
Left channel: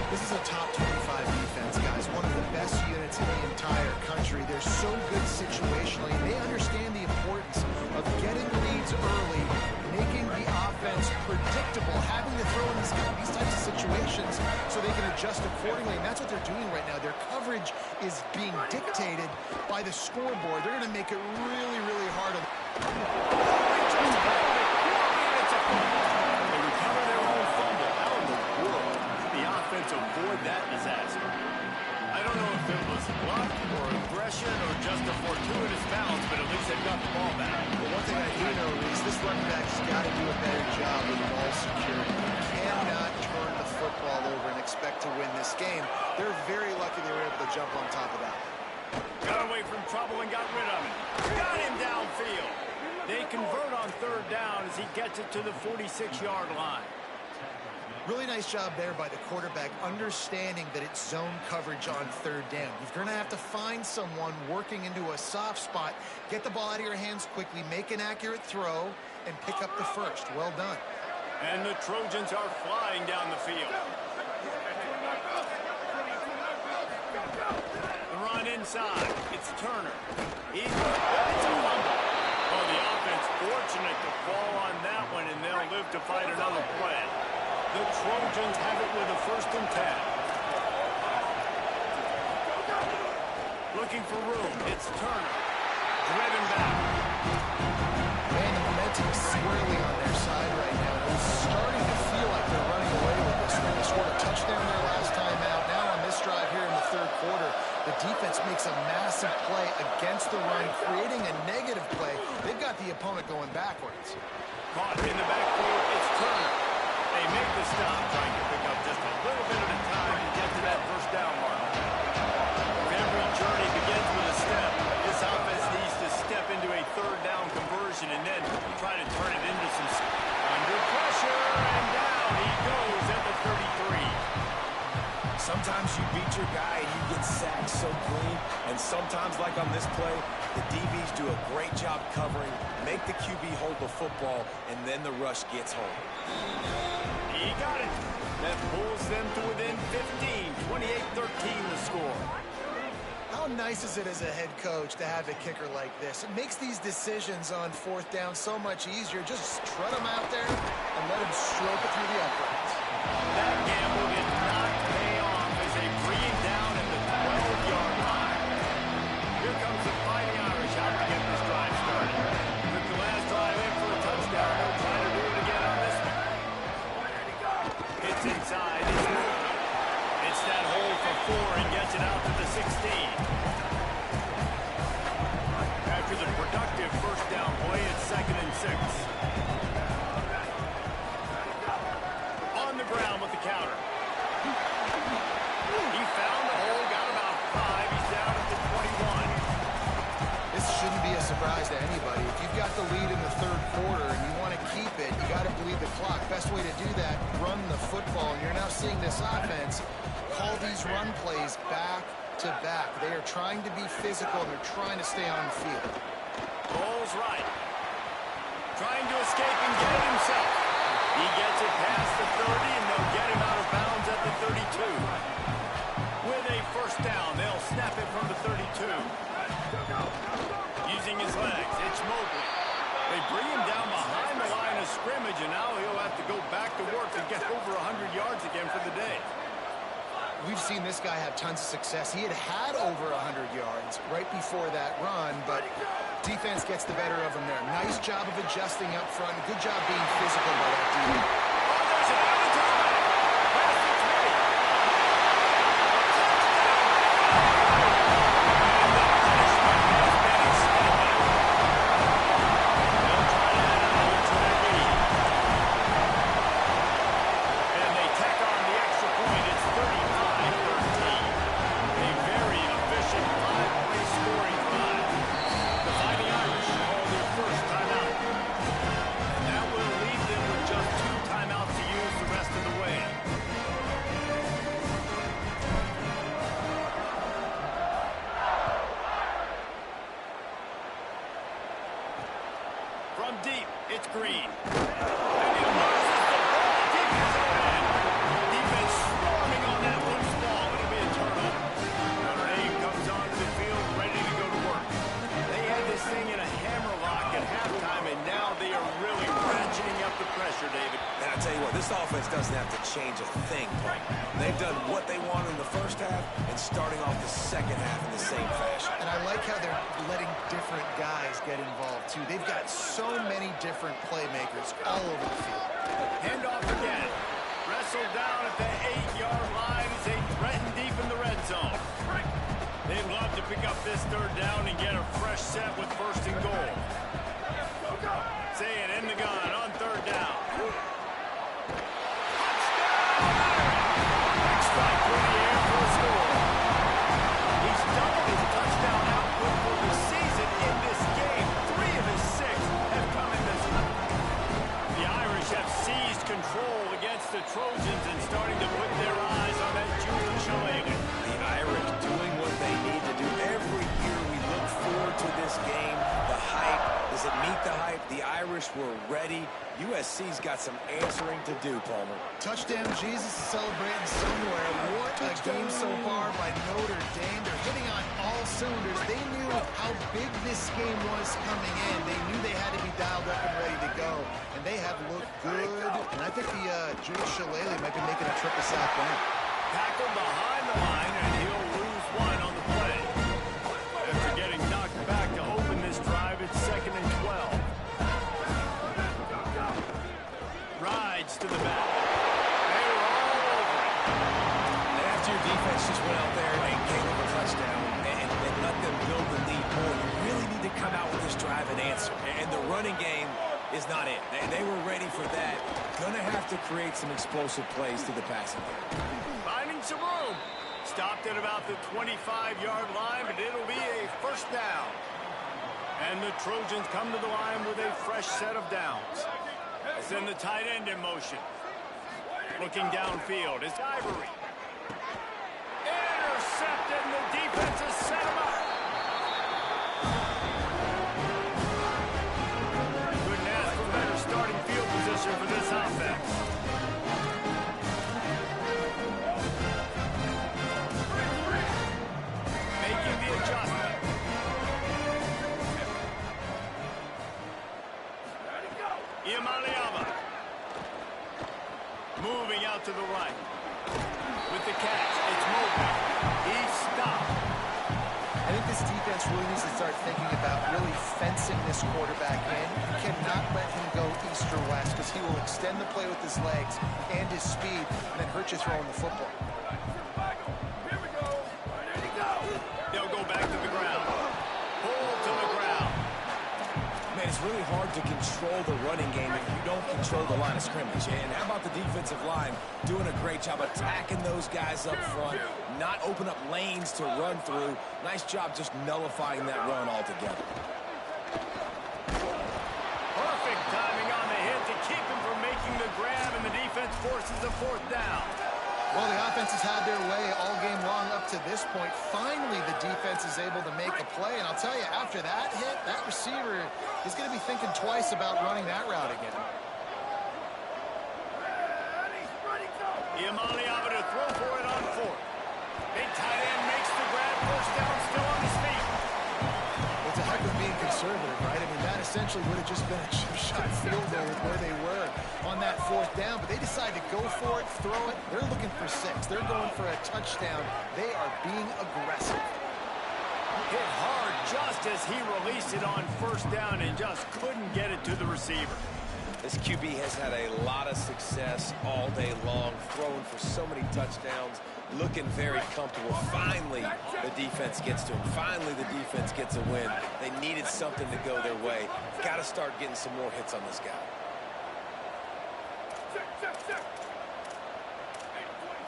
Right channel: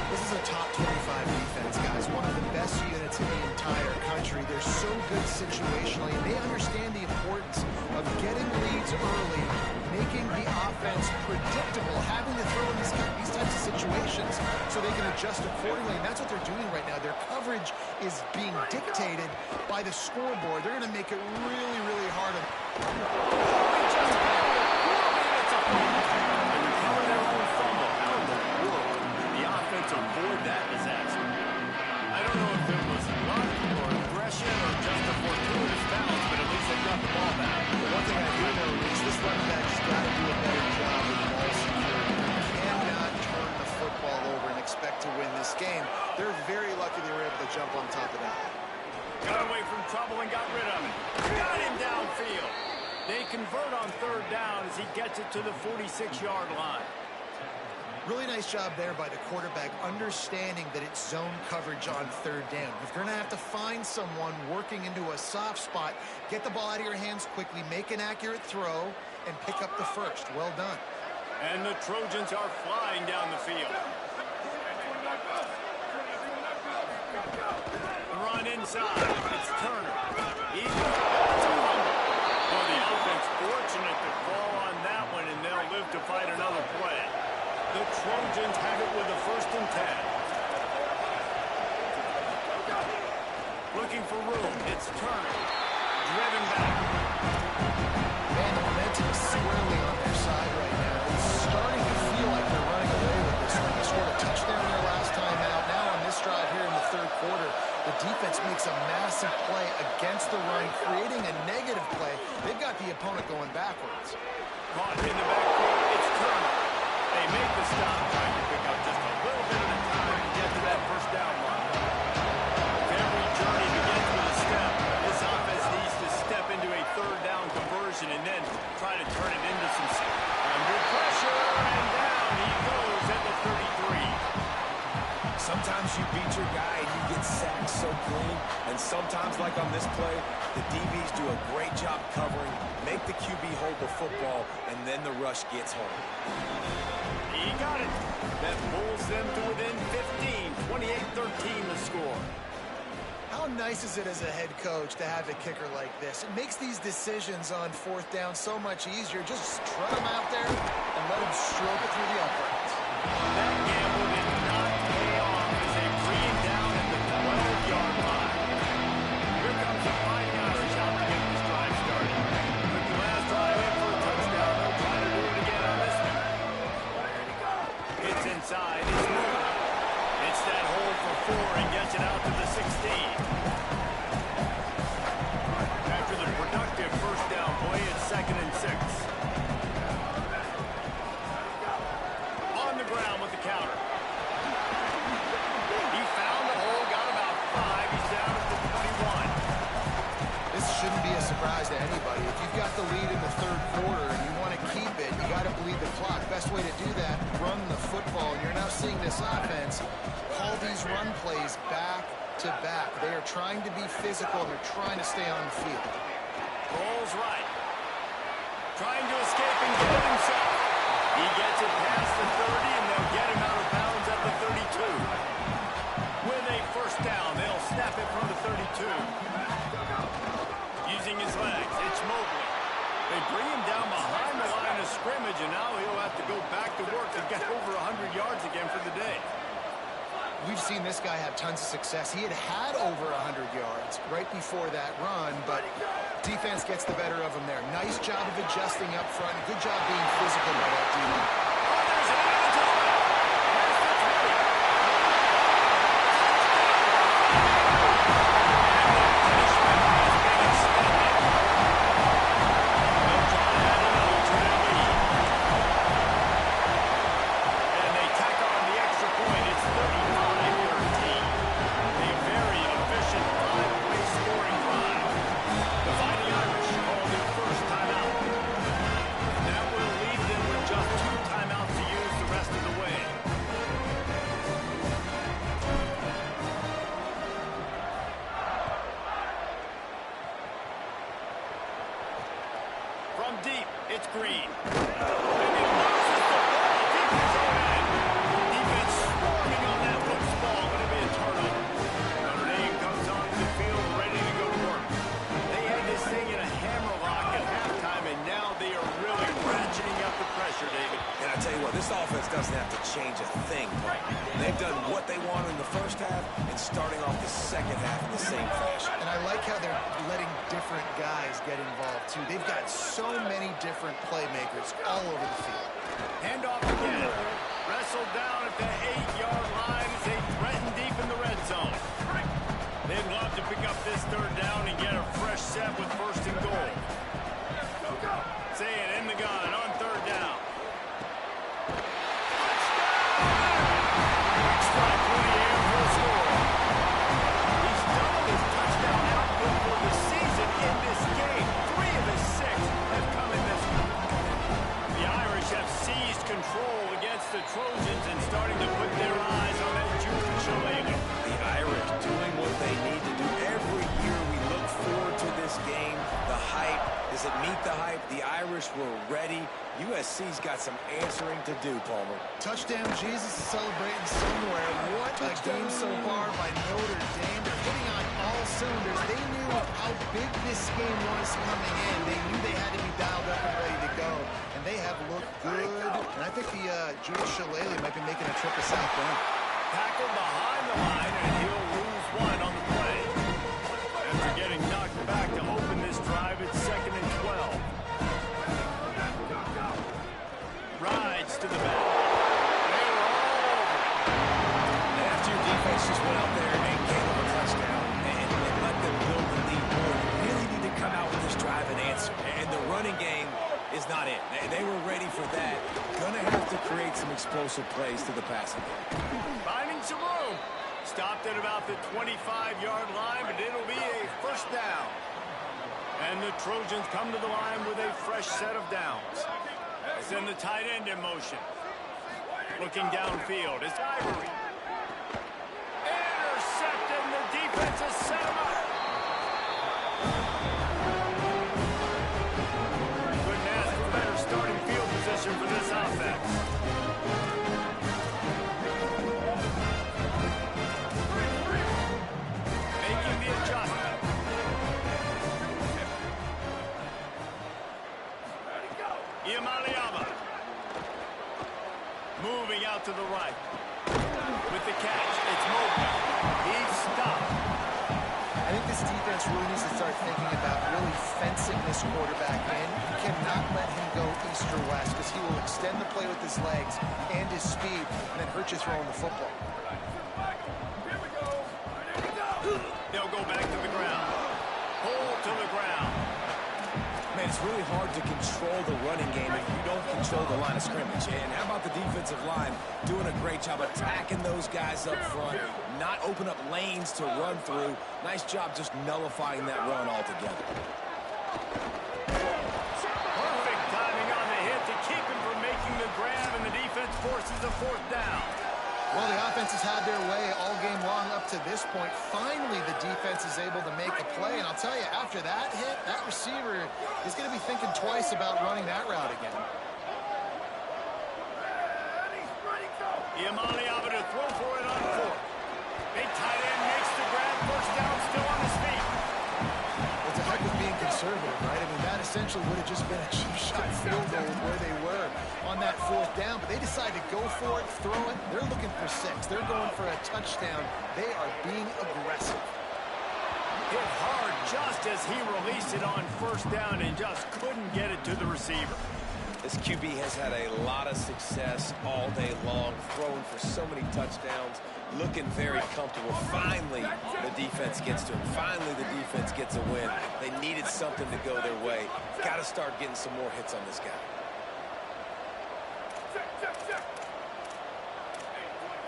This is a top 25 defense, guys. One of the best units in the entire country. They're so good situationally, and they understand the importance of getting leads early, making the offense predictable, having to throw in these types of situations so they can adjust accordingly, and that's what they're doing right now. Their coverage is being dictated by the scoreboard. They're going to make it really, really hard. They just handled it poorly, and it's a fumble. They recover their own fumble. How in the world did the offense avoid that disaster? I don't know if it was luck or aggression or just a fortuitous bounce, but at least they've got the ball back. But one thing I do know, Reese, this running back's got to do a better job with ball security. You cannot turn the football over and expect to win this game. They're very lucky they were able to jump on top of that. Got away from trouble and got rid of it. Got him downfield. They convert on third down as he gets it to the 46-yard line. Really nice job there by the quarterback, understanding that it's zone coverage on third down. You're going to have to find someone working into a soft spot, get the ball out of your hands quickly, make an accurate throw, and pick up the first. Well done. And the Trojans are flying down the field. The run inside. It's Turner. It's a fumble. Oh, the offense fortunate to fall on that one, and they'll live to fight another play. The Trojans have it with a 1st and 10. Looking for room. It's Turner. Driven back. Man, the momentum is squarely on their side right now. It's starting to feel like they're running away with this one. They scored a touchdown their last time out. Now on this drive here in the third quarter, the defense makes a massive play against the run, creating a negative play. They've got the opponent going backwards. Caught in the backfield. It's Turner. They make the stop, trying to pick up just a little bit at a time to get to that first down line. Every journey begins with a step. This offense needs to step into a third down conversion and then try to turn it into some... Under pressure, and down he goes at the 33. Sometimes you beat your guy and you get sacked so clean, and sometimes, like on this play, the DBs do a great job covering, make the QB hold the football, and then the rush gets home. He got it. That pulls them to within 15. 28-13 the score. How nice is it as a head coach to have a kicker like this? It makes these decisions on fourth down so much easier. Just trot him out there and let him stroke it through the uprights. That gamble did not pay off as they bring him down at the 12-yard line. Here comes the Fighting Irish out to get this drive started. Took the last drive in for a touchdown. They'll try to do it again on this one. It's inside. It's moving. It's that hole for 4 and gets it out to the 16. After the productive first down play, it's 2nd and 6. On the ground with the counter. He found the hole, got about 5. He's down at the 21. This shouldn't be a surprise to anybody. If you've got the lead in the third quarter and you want to keep it, you got to bleed the clock. Best way to do that, run the football. And you're now seeing this offense call these run plays back to back. They are trying to be physical, and they're trying to stay on the field. Rolls right. Trying to escape and get it himself. He gets it past the 30, and they'll get him out of bounds at the 32. With a first down, they'll snap it from the 32. Using his legs, it's Mobley. They bring him down behind the line of scrimmage, and now he'll have to go back to work and get over 100 yards again for the day. We've seen this guy have tons of success. He had over 100 yards right before that run, but defense gets the better of him there. Nice job of adjusting up front. Good job being physical by that defense. Oh, there's an out to the left. Past the 20. Touchdown. And the punishment has been extended. They'll try to add another to their lead. And they tack on the extra point. It's 35-13. A very efficient 5-way scoring drive. The Fighting Irish call their first timeout. And that will leave them with just 2 timeouts to use the rest of the way. From deep, it's Green. And he loses the ball deep in his own end. Defense swarming on that loose ball. It'll be a turnover. Notre Dame comes onto the field ready to go to work. They had this thing in a hammerlock at halftime, and now they are really ratcheting up the pressure, David. And I tell you what, this offense doesn't have to change a thing, Paul. They've done what they wanted in the first half and starting off the second half in the same fashion. And I like how they're letting different guys get involved, too. They've got so many different playmakers all over the field. Handoff again. Wrestled down at the 8-yard line as they threaten deep in the red zone. They'd love to pick up this third down and get a fresh set with 1st and goal. Say it in the gun on 3rd down. Touchdown, Irish! Quick strike through the air for a score. He's doubled his touchdown output for the season in this game. 3 of his 6 have come in this one. The Irish have seized control against the Trojans and starting to put their eyes on that Julian Shillelagh. The Irish doing what they need to do. Every year we look forward to this game. The hype, does it meet the hype? The Irish were ready. USC's got some answering to do, Palmer. Touchdown Jesus is celebrating somewhere. What a game so far by Notre Dame. They're hitting on all cylinders. They knew how big this game was coming in. They knew they had to be dialed up and ready to go. And they have looked good. And I think the Julian Shillelagh might be making a trip to South Bend. Tackled behind the line, and he'll lose 1 on the play. After getting knocked back to open this drive, it's 2nd and 12. Rides to the back. They were all over it. And after your defense just went out there and gave them a touchdown and let them build the lead more, you really need to come out with this drive and answer. And the running game is not it. They were ready for that. Gonna have to create some explosive plays to the passing game. Finding some room. Stopped at about the 25-yard line, but it'll be a first down. And the Trojans come to the line with a fresh set of downs. Send the tight end in motion. Looking downfield, it's Ivory. Intercepted, and the defense has set him up. Couldn't ask for better starting field position for this offense. Making the adjustment. Ready, go. Iamaleava. Moving out to the right. With the catch, it's Mobley. He's stopped. I think this defense really needs to start thinking about really fencing this quarterback in. You cannot let him go east or west because he will extend the play with his legs and his speed and then hurt you throwing the football. Here we go. Ready, go. They'll go back to the ground. Pull to the ground. Man, it's really hard to control the running game if you don't control the line of scrimmage. And how about the defensive line doing a great job attacking those guys up front, not open up lanes to run through. Nice job just nullifying that run altogether. Perfect timing on the hit to keep him from making the grab, and the defense forces a fourth down. Well, the offense has had their way all game long up to this point. Finally, the defense is able to make a play. And I'll tell you, after that hit, that receiver is going to be thinking twice about running that route again. Ready, go. Iamaleava to throw for it on fourth. Big tight end makes the grab. First down, still on his feet. Well, it's a heck of being conservative, right? I mean, that essentially would have just been a chip-shot field goal with where they were on that fourth down. But they decided to go for it, throw it. They're looking for 6. They're going for a touchdown. They are being aggressive. Hit hard just as he released it on first down and just couldn't get it to the receiver. This QB has had a lot of success all day long, throwing for so many touchdowns, looking very comfortable. Finally, the defense gets to him. Finally, the defense gets a win. They needed something to go their way. Got to start getting some more hits on this guy. Check. 80-22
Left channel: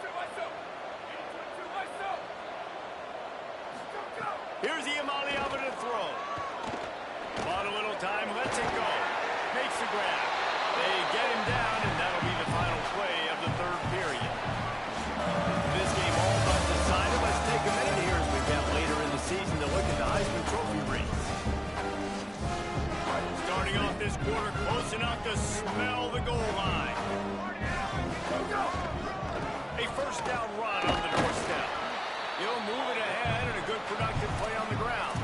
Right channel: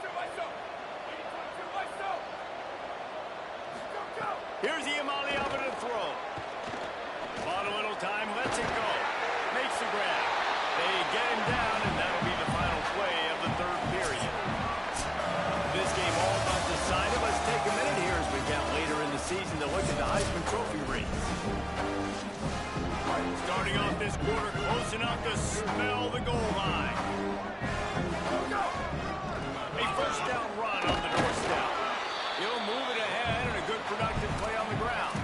ISO. 80-22 ISO. Go. Here's Iamaleava to throw. Bought a little time, lets it go. Makes the grab. They get him down, and that'll be the final play of the third period. This game all but decided. Let's take a minute here as we get later in the season to look at the Heisman Trophy race. Starting off this quarter, close enough to smell the goal line. Go. A first down run on the doorstep. He'll move it ahead and a good productive play on the ground.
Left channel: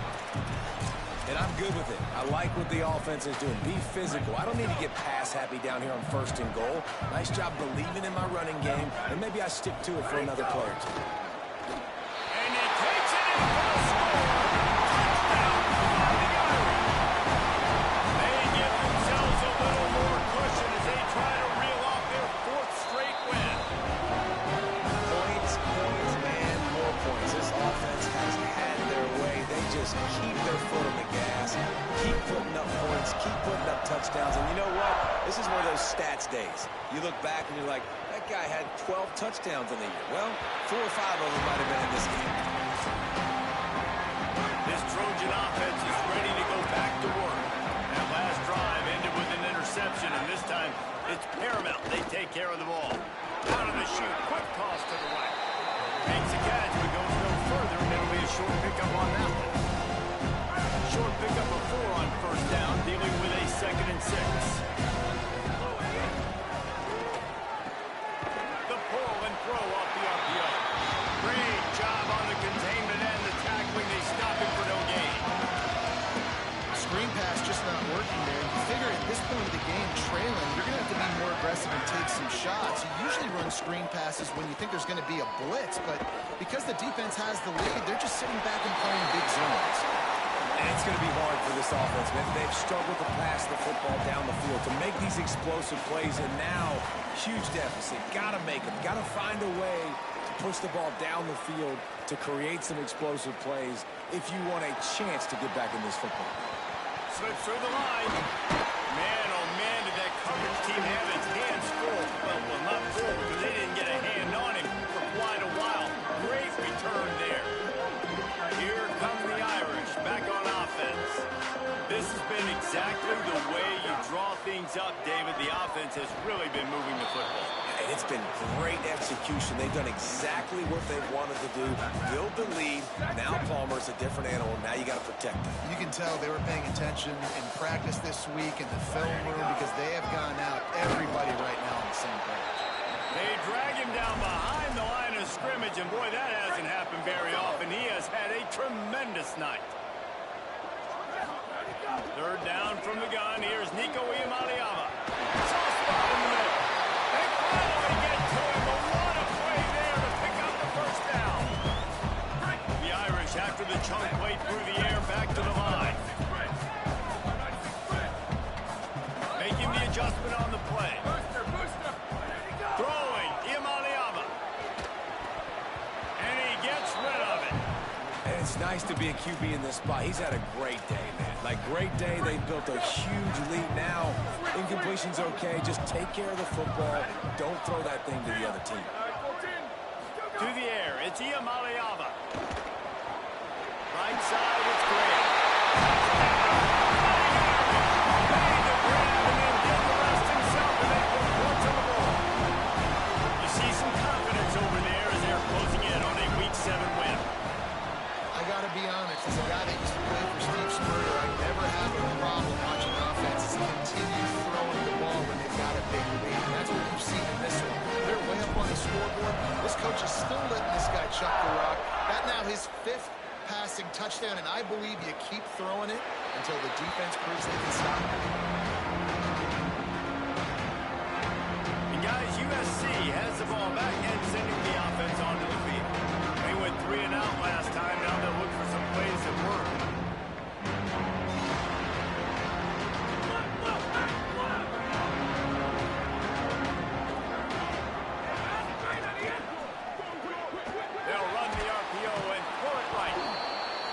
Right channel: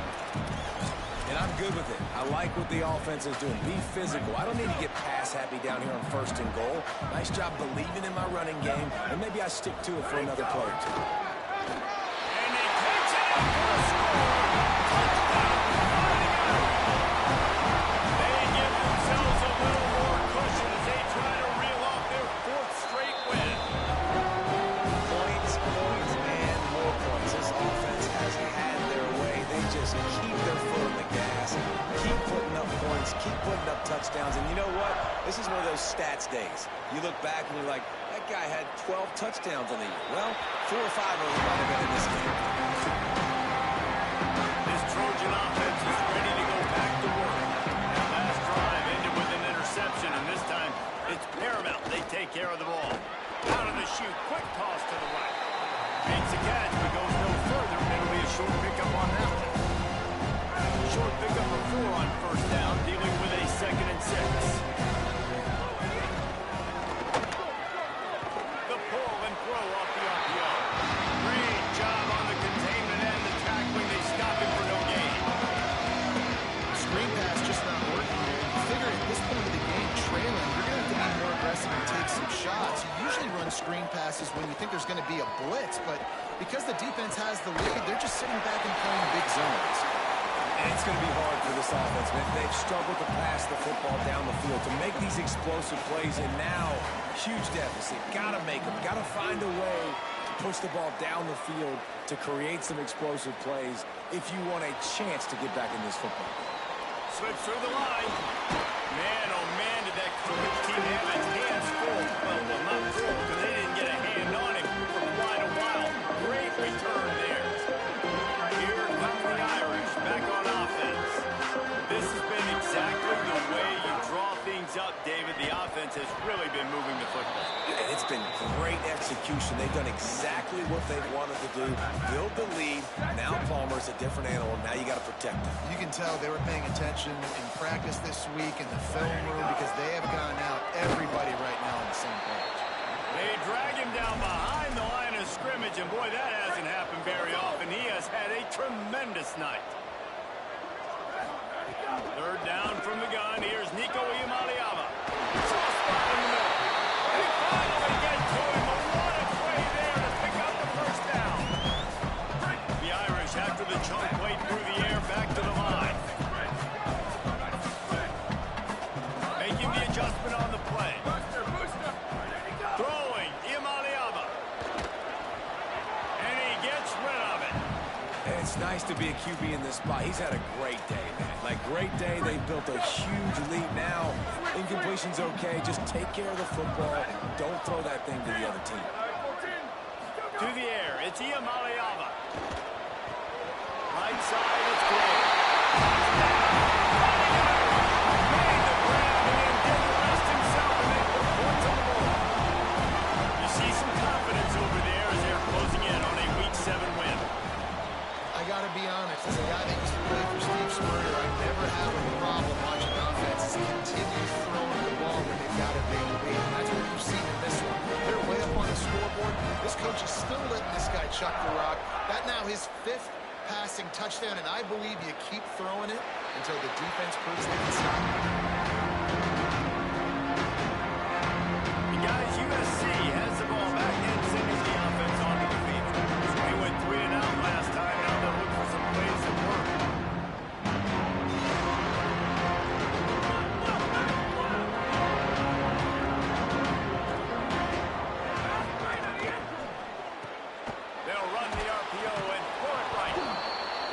And I'm good with it. I like what the offense is doing. Be physical. I don't need to get pass happy down here on 1st and goal. Nice job believing in my running game, and maybe I stick to it for another play or two. And he takes it in for a score. Touchdown, Fighting Irish. They give themselves a little more cushion as they try to reel off their 4th straight win. Points, and more points. This offense has had their way. They just keep their foot on the gas, keep putting up points, keep putting up touchdowns. And you know what? This is one of those stats days. You look back and you're like, that guy had 12 touchdowns on the year. Well, 4 or 5 of them might have been in this game. This Trojan offense is ready to go back to work. That last drive ended with an interception, and this time it's paramount they take care of the ball. Out of the chute, quick toss to the right. Makes a catch, but goes no further, and it'll be a short pickup on that one. Short pickup of 4 on first down, dealing with a 2nd and 6. The pull and throw off the RPO. Great job on the containment and the tackling. They stop him for no gain. Screen pass just not working there. You figure at this point of the game, trailing, you're going to have to be more aggressive and take some shots. You usually run screen passes when you think there's going to be a blitz, but because the defense has the lead, they're just sitting back and playing big zones. And it's going to be hard for this offense, man. They've struggled to pass the football down the field, to make these explosive plays, and now, huge deficit. Got to make them. Got to find a way to push the ball down the field to create some explosive plays if you want a chance to get back in this football game. Slips through the line. Man, oh man, did that coverage team have its hands full. Well, not full because they didn't get a hand on him for quite a while. Great return there. Here come the Irish back on offense. This has been exactly the way you draw things up, David. The offense has really been moving the football. And it's been great execution. They've done exactly what they've wanted to do. Build the lead. Now Palmer's a different animal. Now you got to protect him. You can tell they were paying attention in practice this week in the film room because they have gone out everybody right now on the same page. They drag him run down behind the line of scrimmage, and boy, that hasn't happened very often. He has had a tremendous night. Third down from the gun. Here's Nico Iamaleava. Soft spot in the middle. They finally get to him, but what a play there to pick up the first down. The Irish, after the chunk play through the air, back to the line. Making the adjustment on the play. Throwing, Iamaleava. And he gets rid of it. And it's nice to be a QB in this spot. He's had a great day, man. Like, great day. They've built a huge lead now. Incompletion's okay. Just take care of the football. Don't throw that thing to the other team. To the air, it's Iamaleava. Right side, it's Graham. Touchdown! Fighting Irish! Made the grab and then did the rest himself, and they put points on the board. You see some confidence over there as they're closing in on a Week 7 win. I got to be honest, as a guy that used to play for Steve Spurrier, I never have a problem watching offenses continue throwing the ball when they've got a big lead. And that's what you've seen in this one. They're way up on the scoreboard. This coach is still letting this guy chuck the rock. That now his 5th passing touchdown, and I believe you keep throwing it until the defense proves they can stop it. And guys, USC has the ball back and sending the offense onto the field. They went 3 and out last time. Now they'll look for some plays that work. They'll run the RPO and throw it right.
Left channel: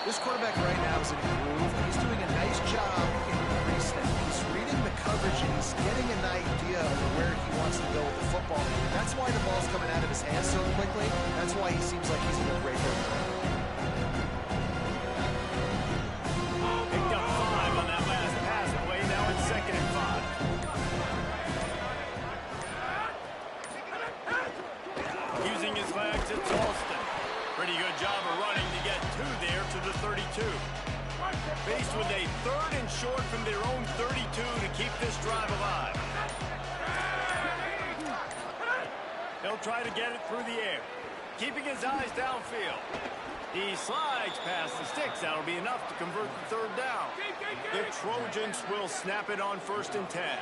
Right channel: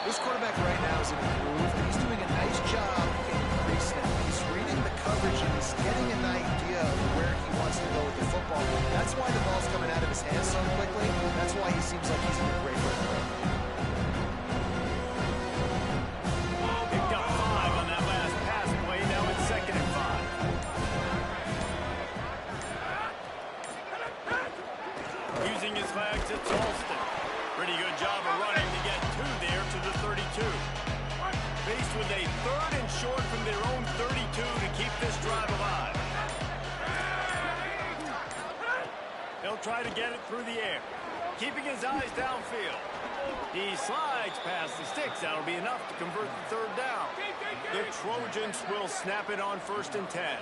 This quarterback right now is in a groove, and he's doing a nice job in pre-snap. He's reading the coverage, and he's getting an idea of where he wants to go with the football. That's why the ball's coming out of his hands so quickly. That's why he seems like he's in a great rhythm right now. Picked up 5 on that last pass play. Now it's 2nd and 5. Using his legs, it's Alston. Pretty good job of running to get 2 there to the 32. Faced with a 3rd and short from their own 32 to keep this drive alive. He'll try to get it through the air, keeping his eyes downfield. He slides past the sticks. That'll be enough to convert the 3rd down. The Trojans will snap it on 1st and 10.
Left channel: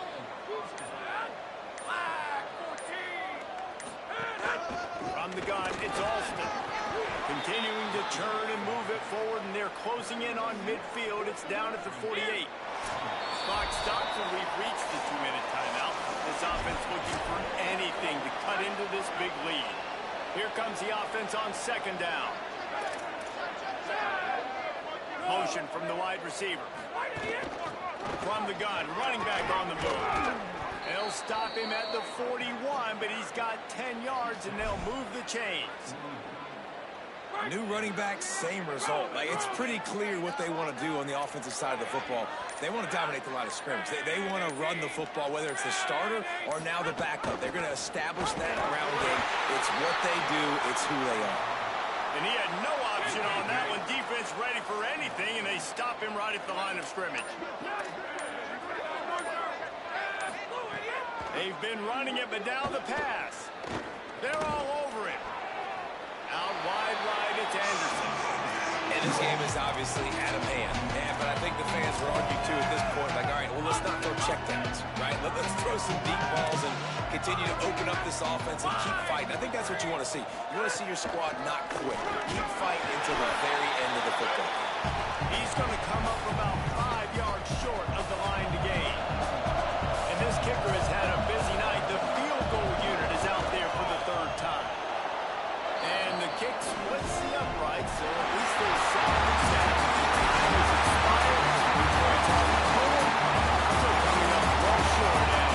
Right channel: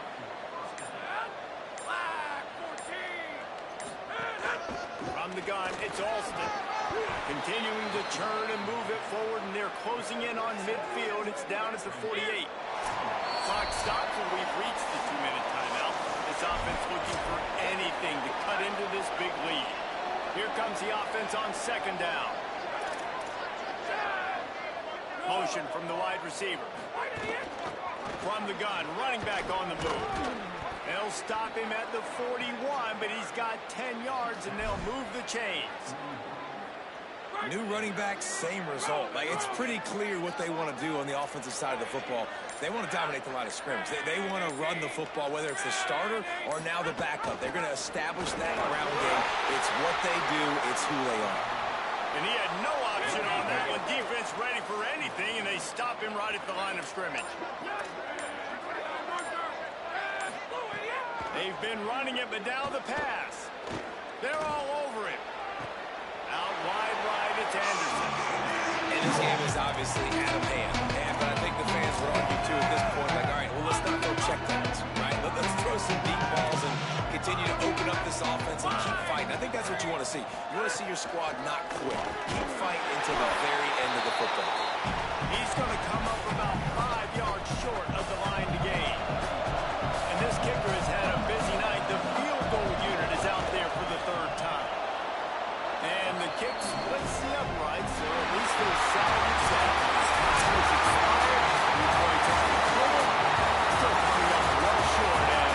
From the gun, it's Alston. Continuing to churn and move it forward, and they're closing in on midfield. It's down at the 48. Clock stops, and we've reached the 2-minute timeout. This offense looking for anything to cut into this big lead. Here comes the offense on 2nd down. Motion from the wide receiver. From the gun, running back on the move. They'll stop him at the 41, but he's got 10 yards, and they'll move the chains. New running back, same result. Like, it's pretty clear what they want to do on the offensive side of the football. They want to dominate the line of scrimmage. They want to run the football, whether it's the starter or now the backup. They're going to establish that ground game. It's what they do. It's who they are. And he had no option on that one. Defense ready for anything, and they stop him right at the line of scrimmage. They've been running it, but now the pass. They're all over it. Out wide right, it's Anderson. And this game is obviously out of hand. But I think the fans would argue, too, at this point, like, all right, well, let's not throw checkdowns, right? Let's throw some deep balls and continue to open up this offense and keep fighting. I think that's what you want to see. You want to see your squad not quit. Keep fighting until the very end of the football game. He's going to come up about 5 yards short of the line to gain. And this kicker has had a busy night. The field goal unit is out there for the 3rd time. And the kick splits the uprights, so at least they salvage that. Time has expired. 3 points on the total. Still coming up well short.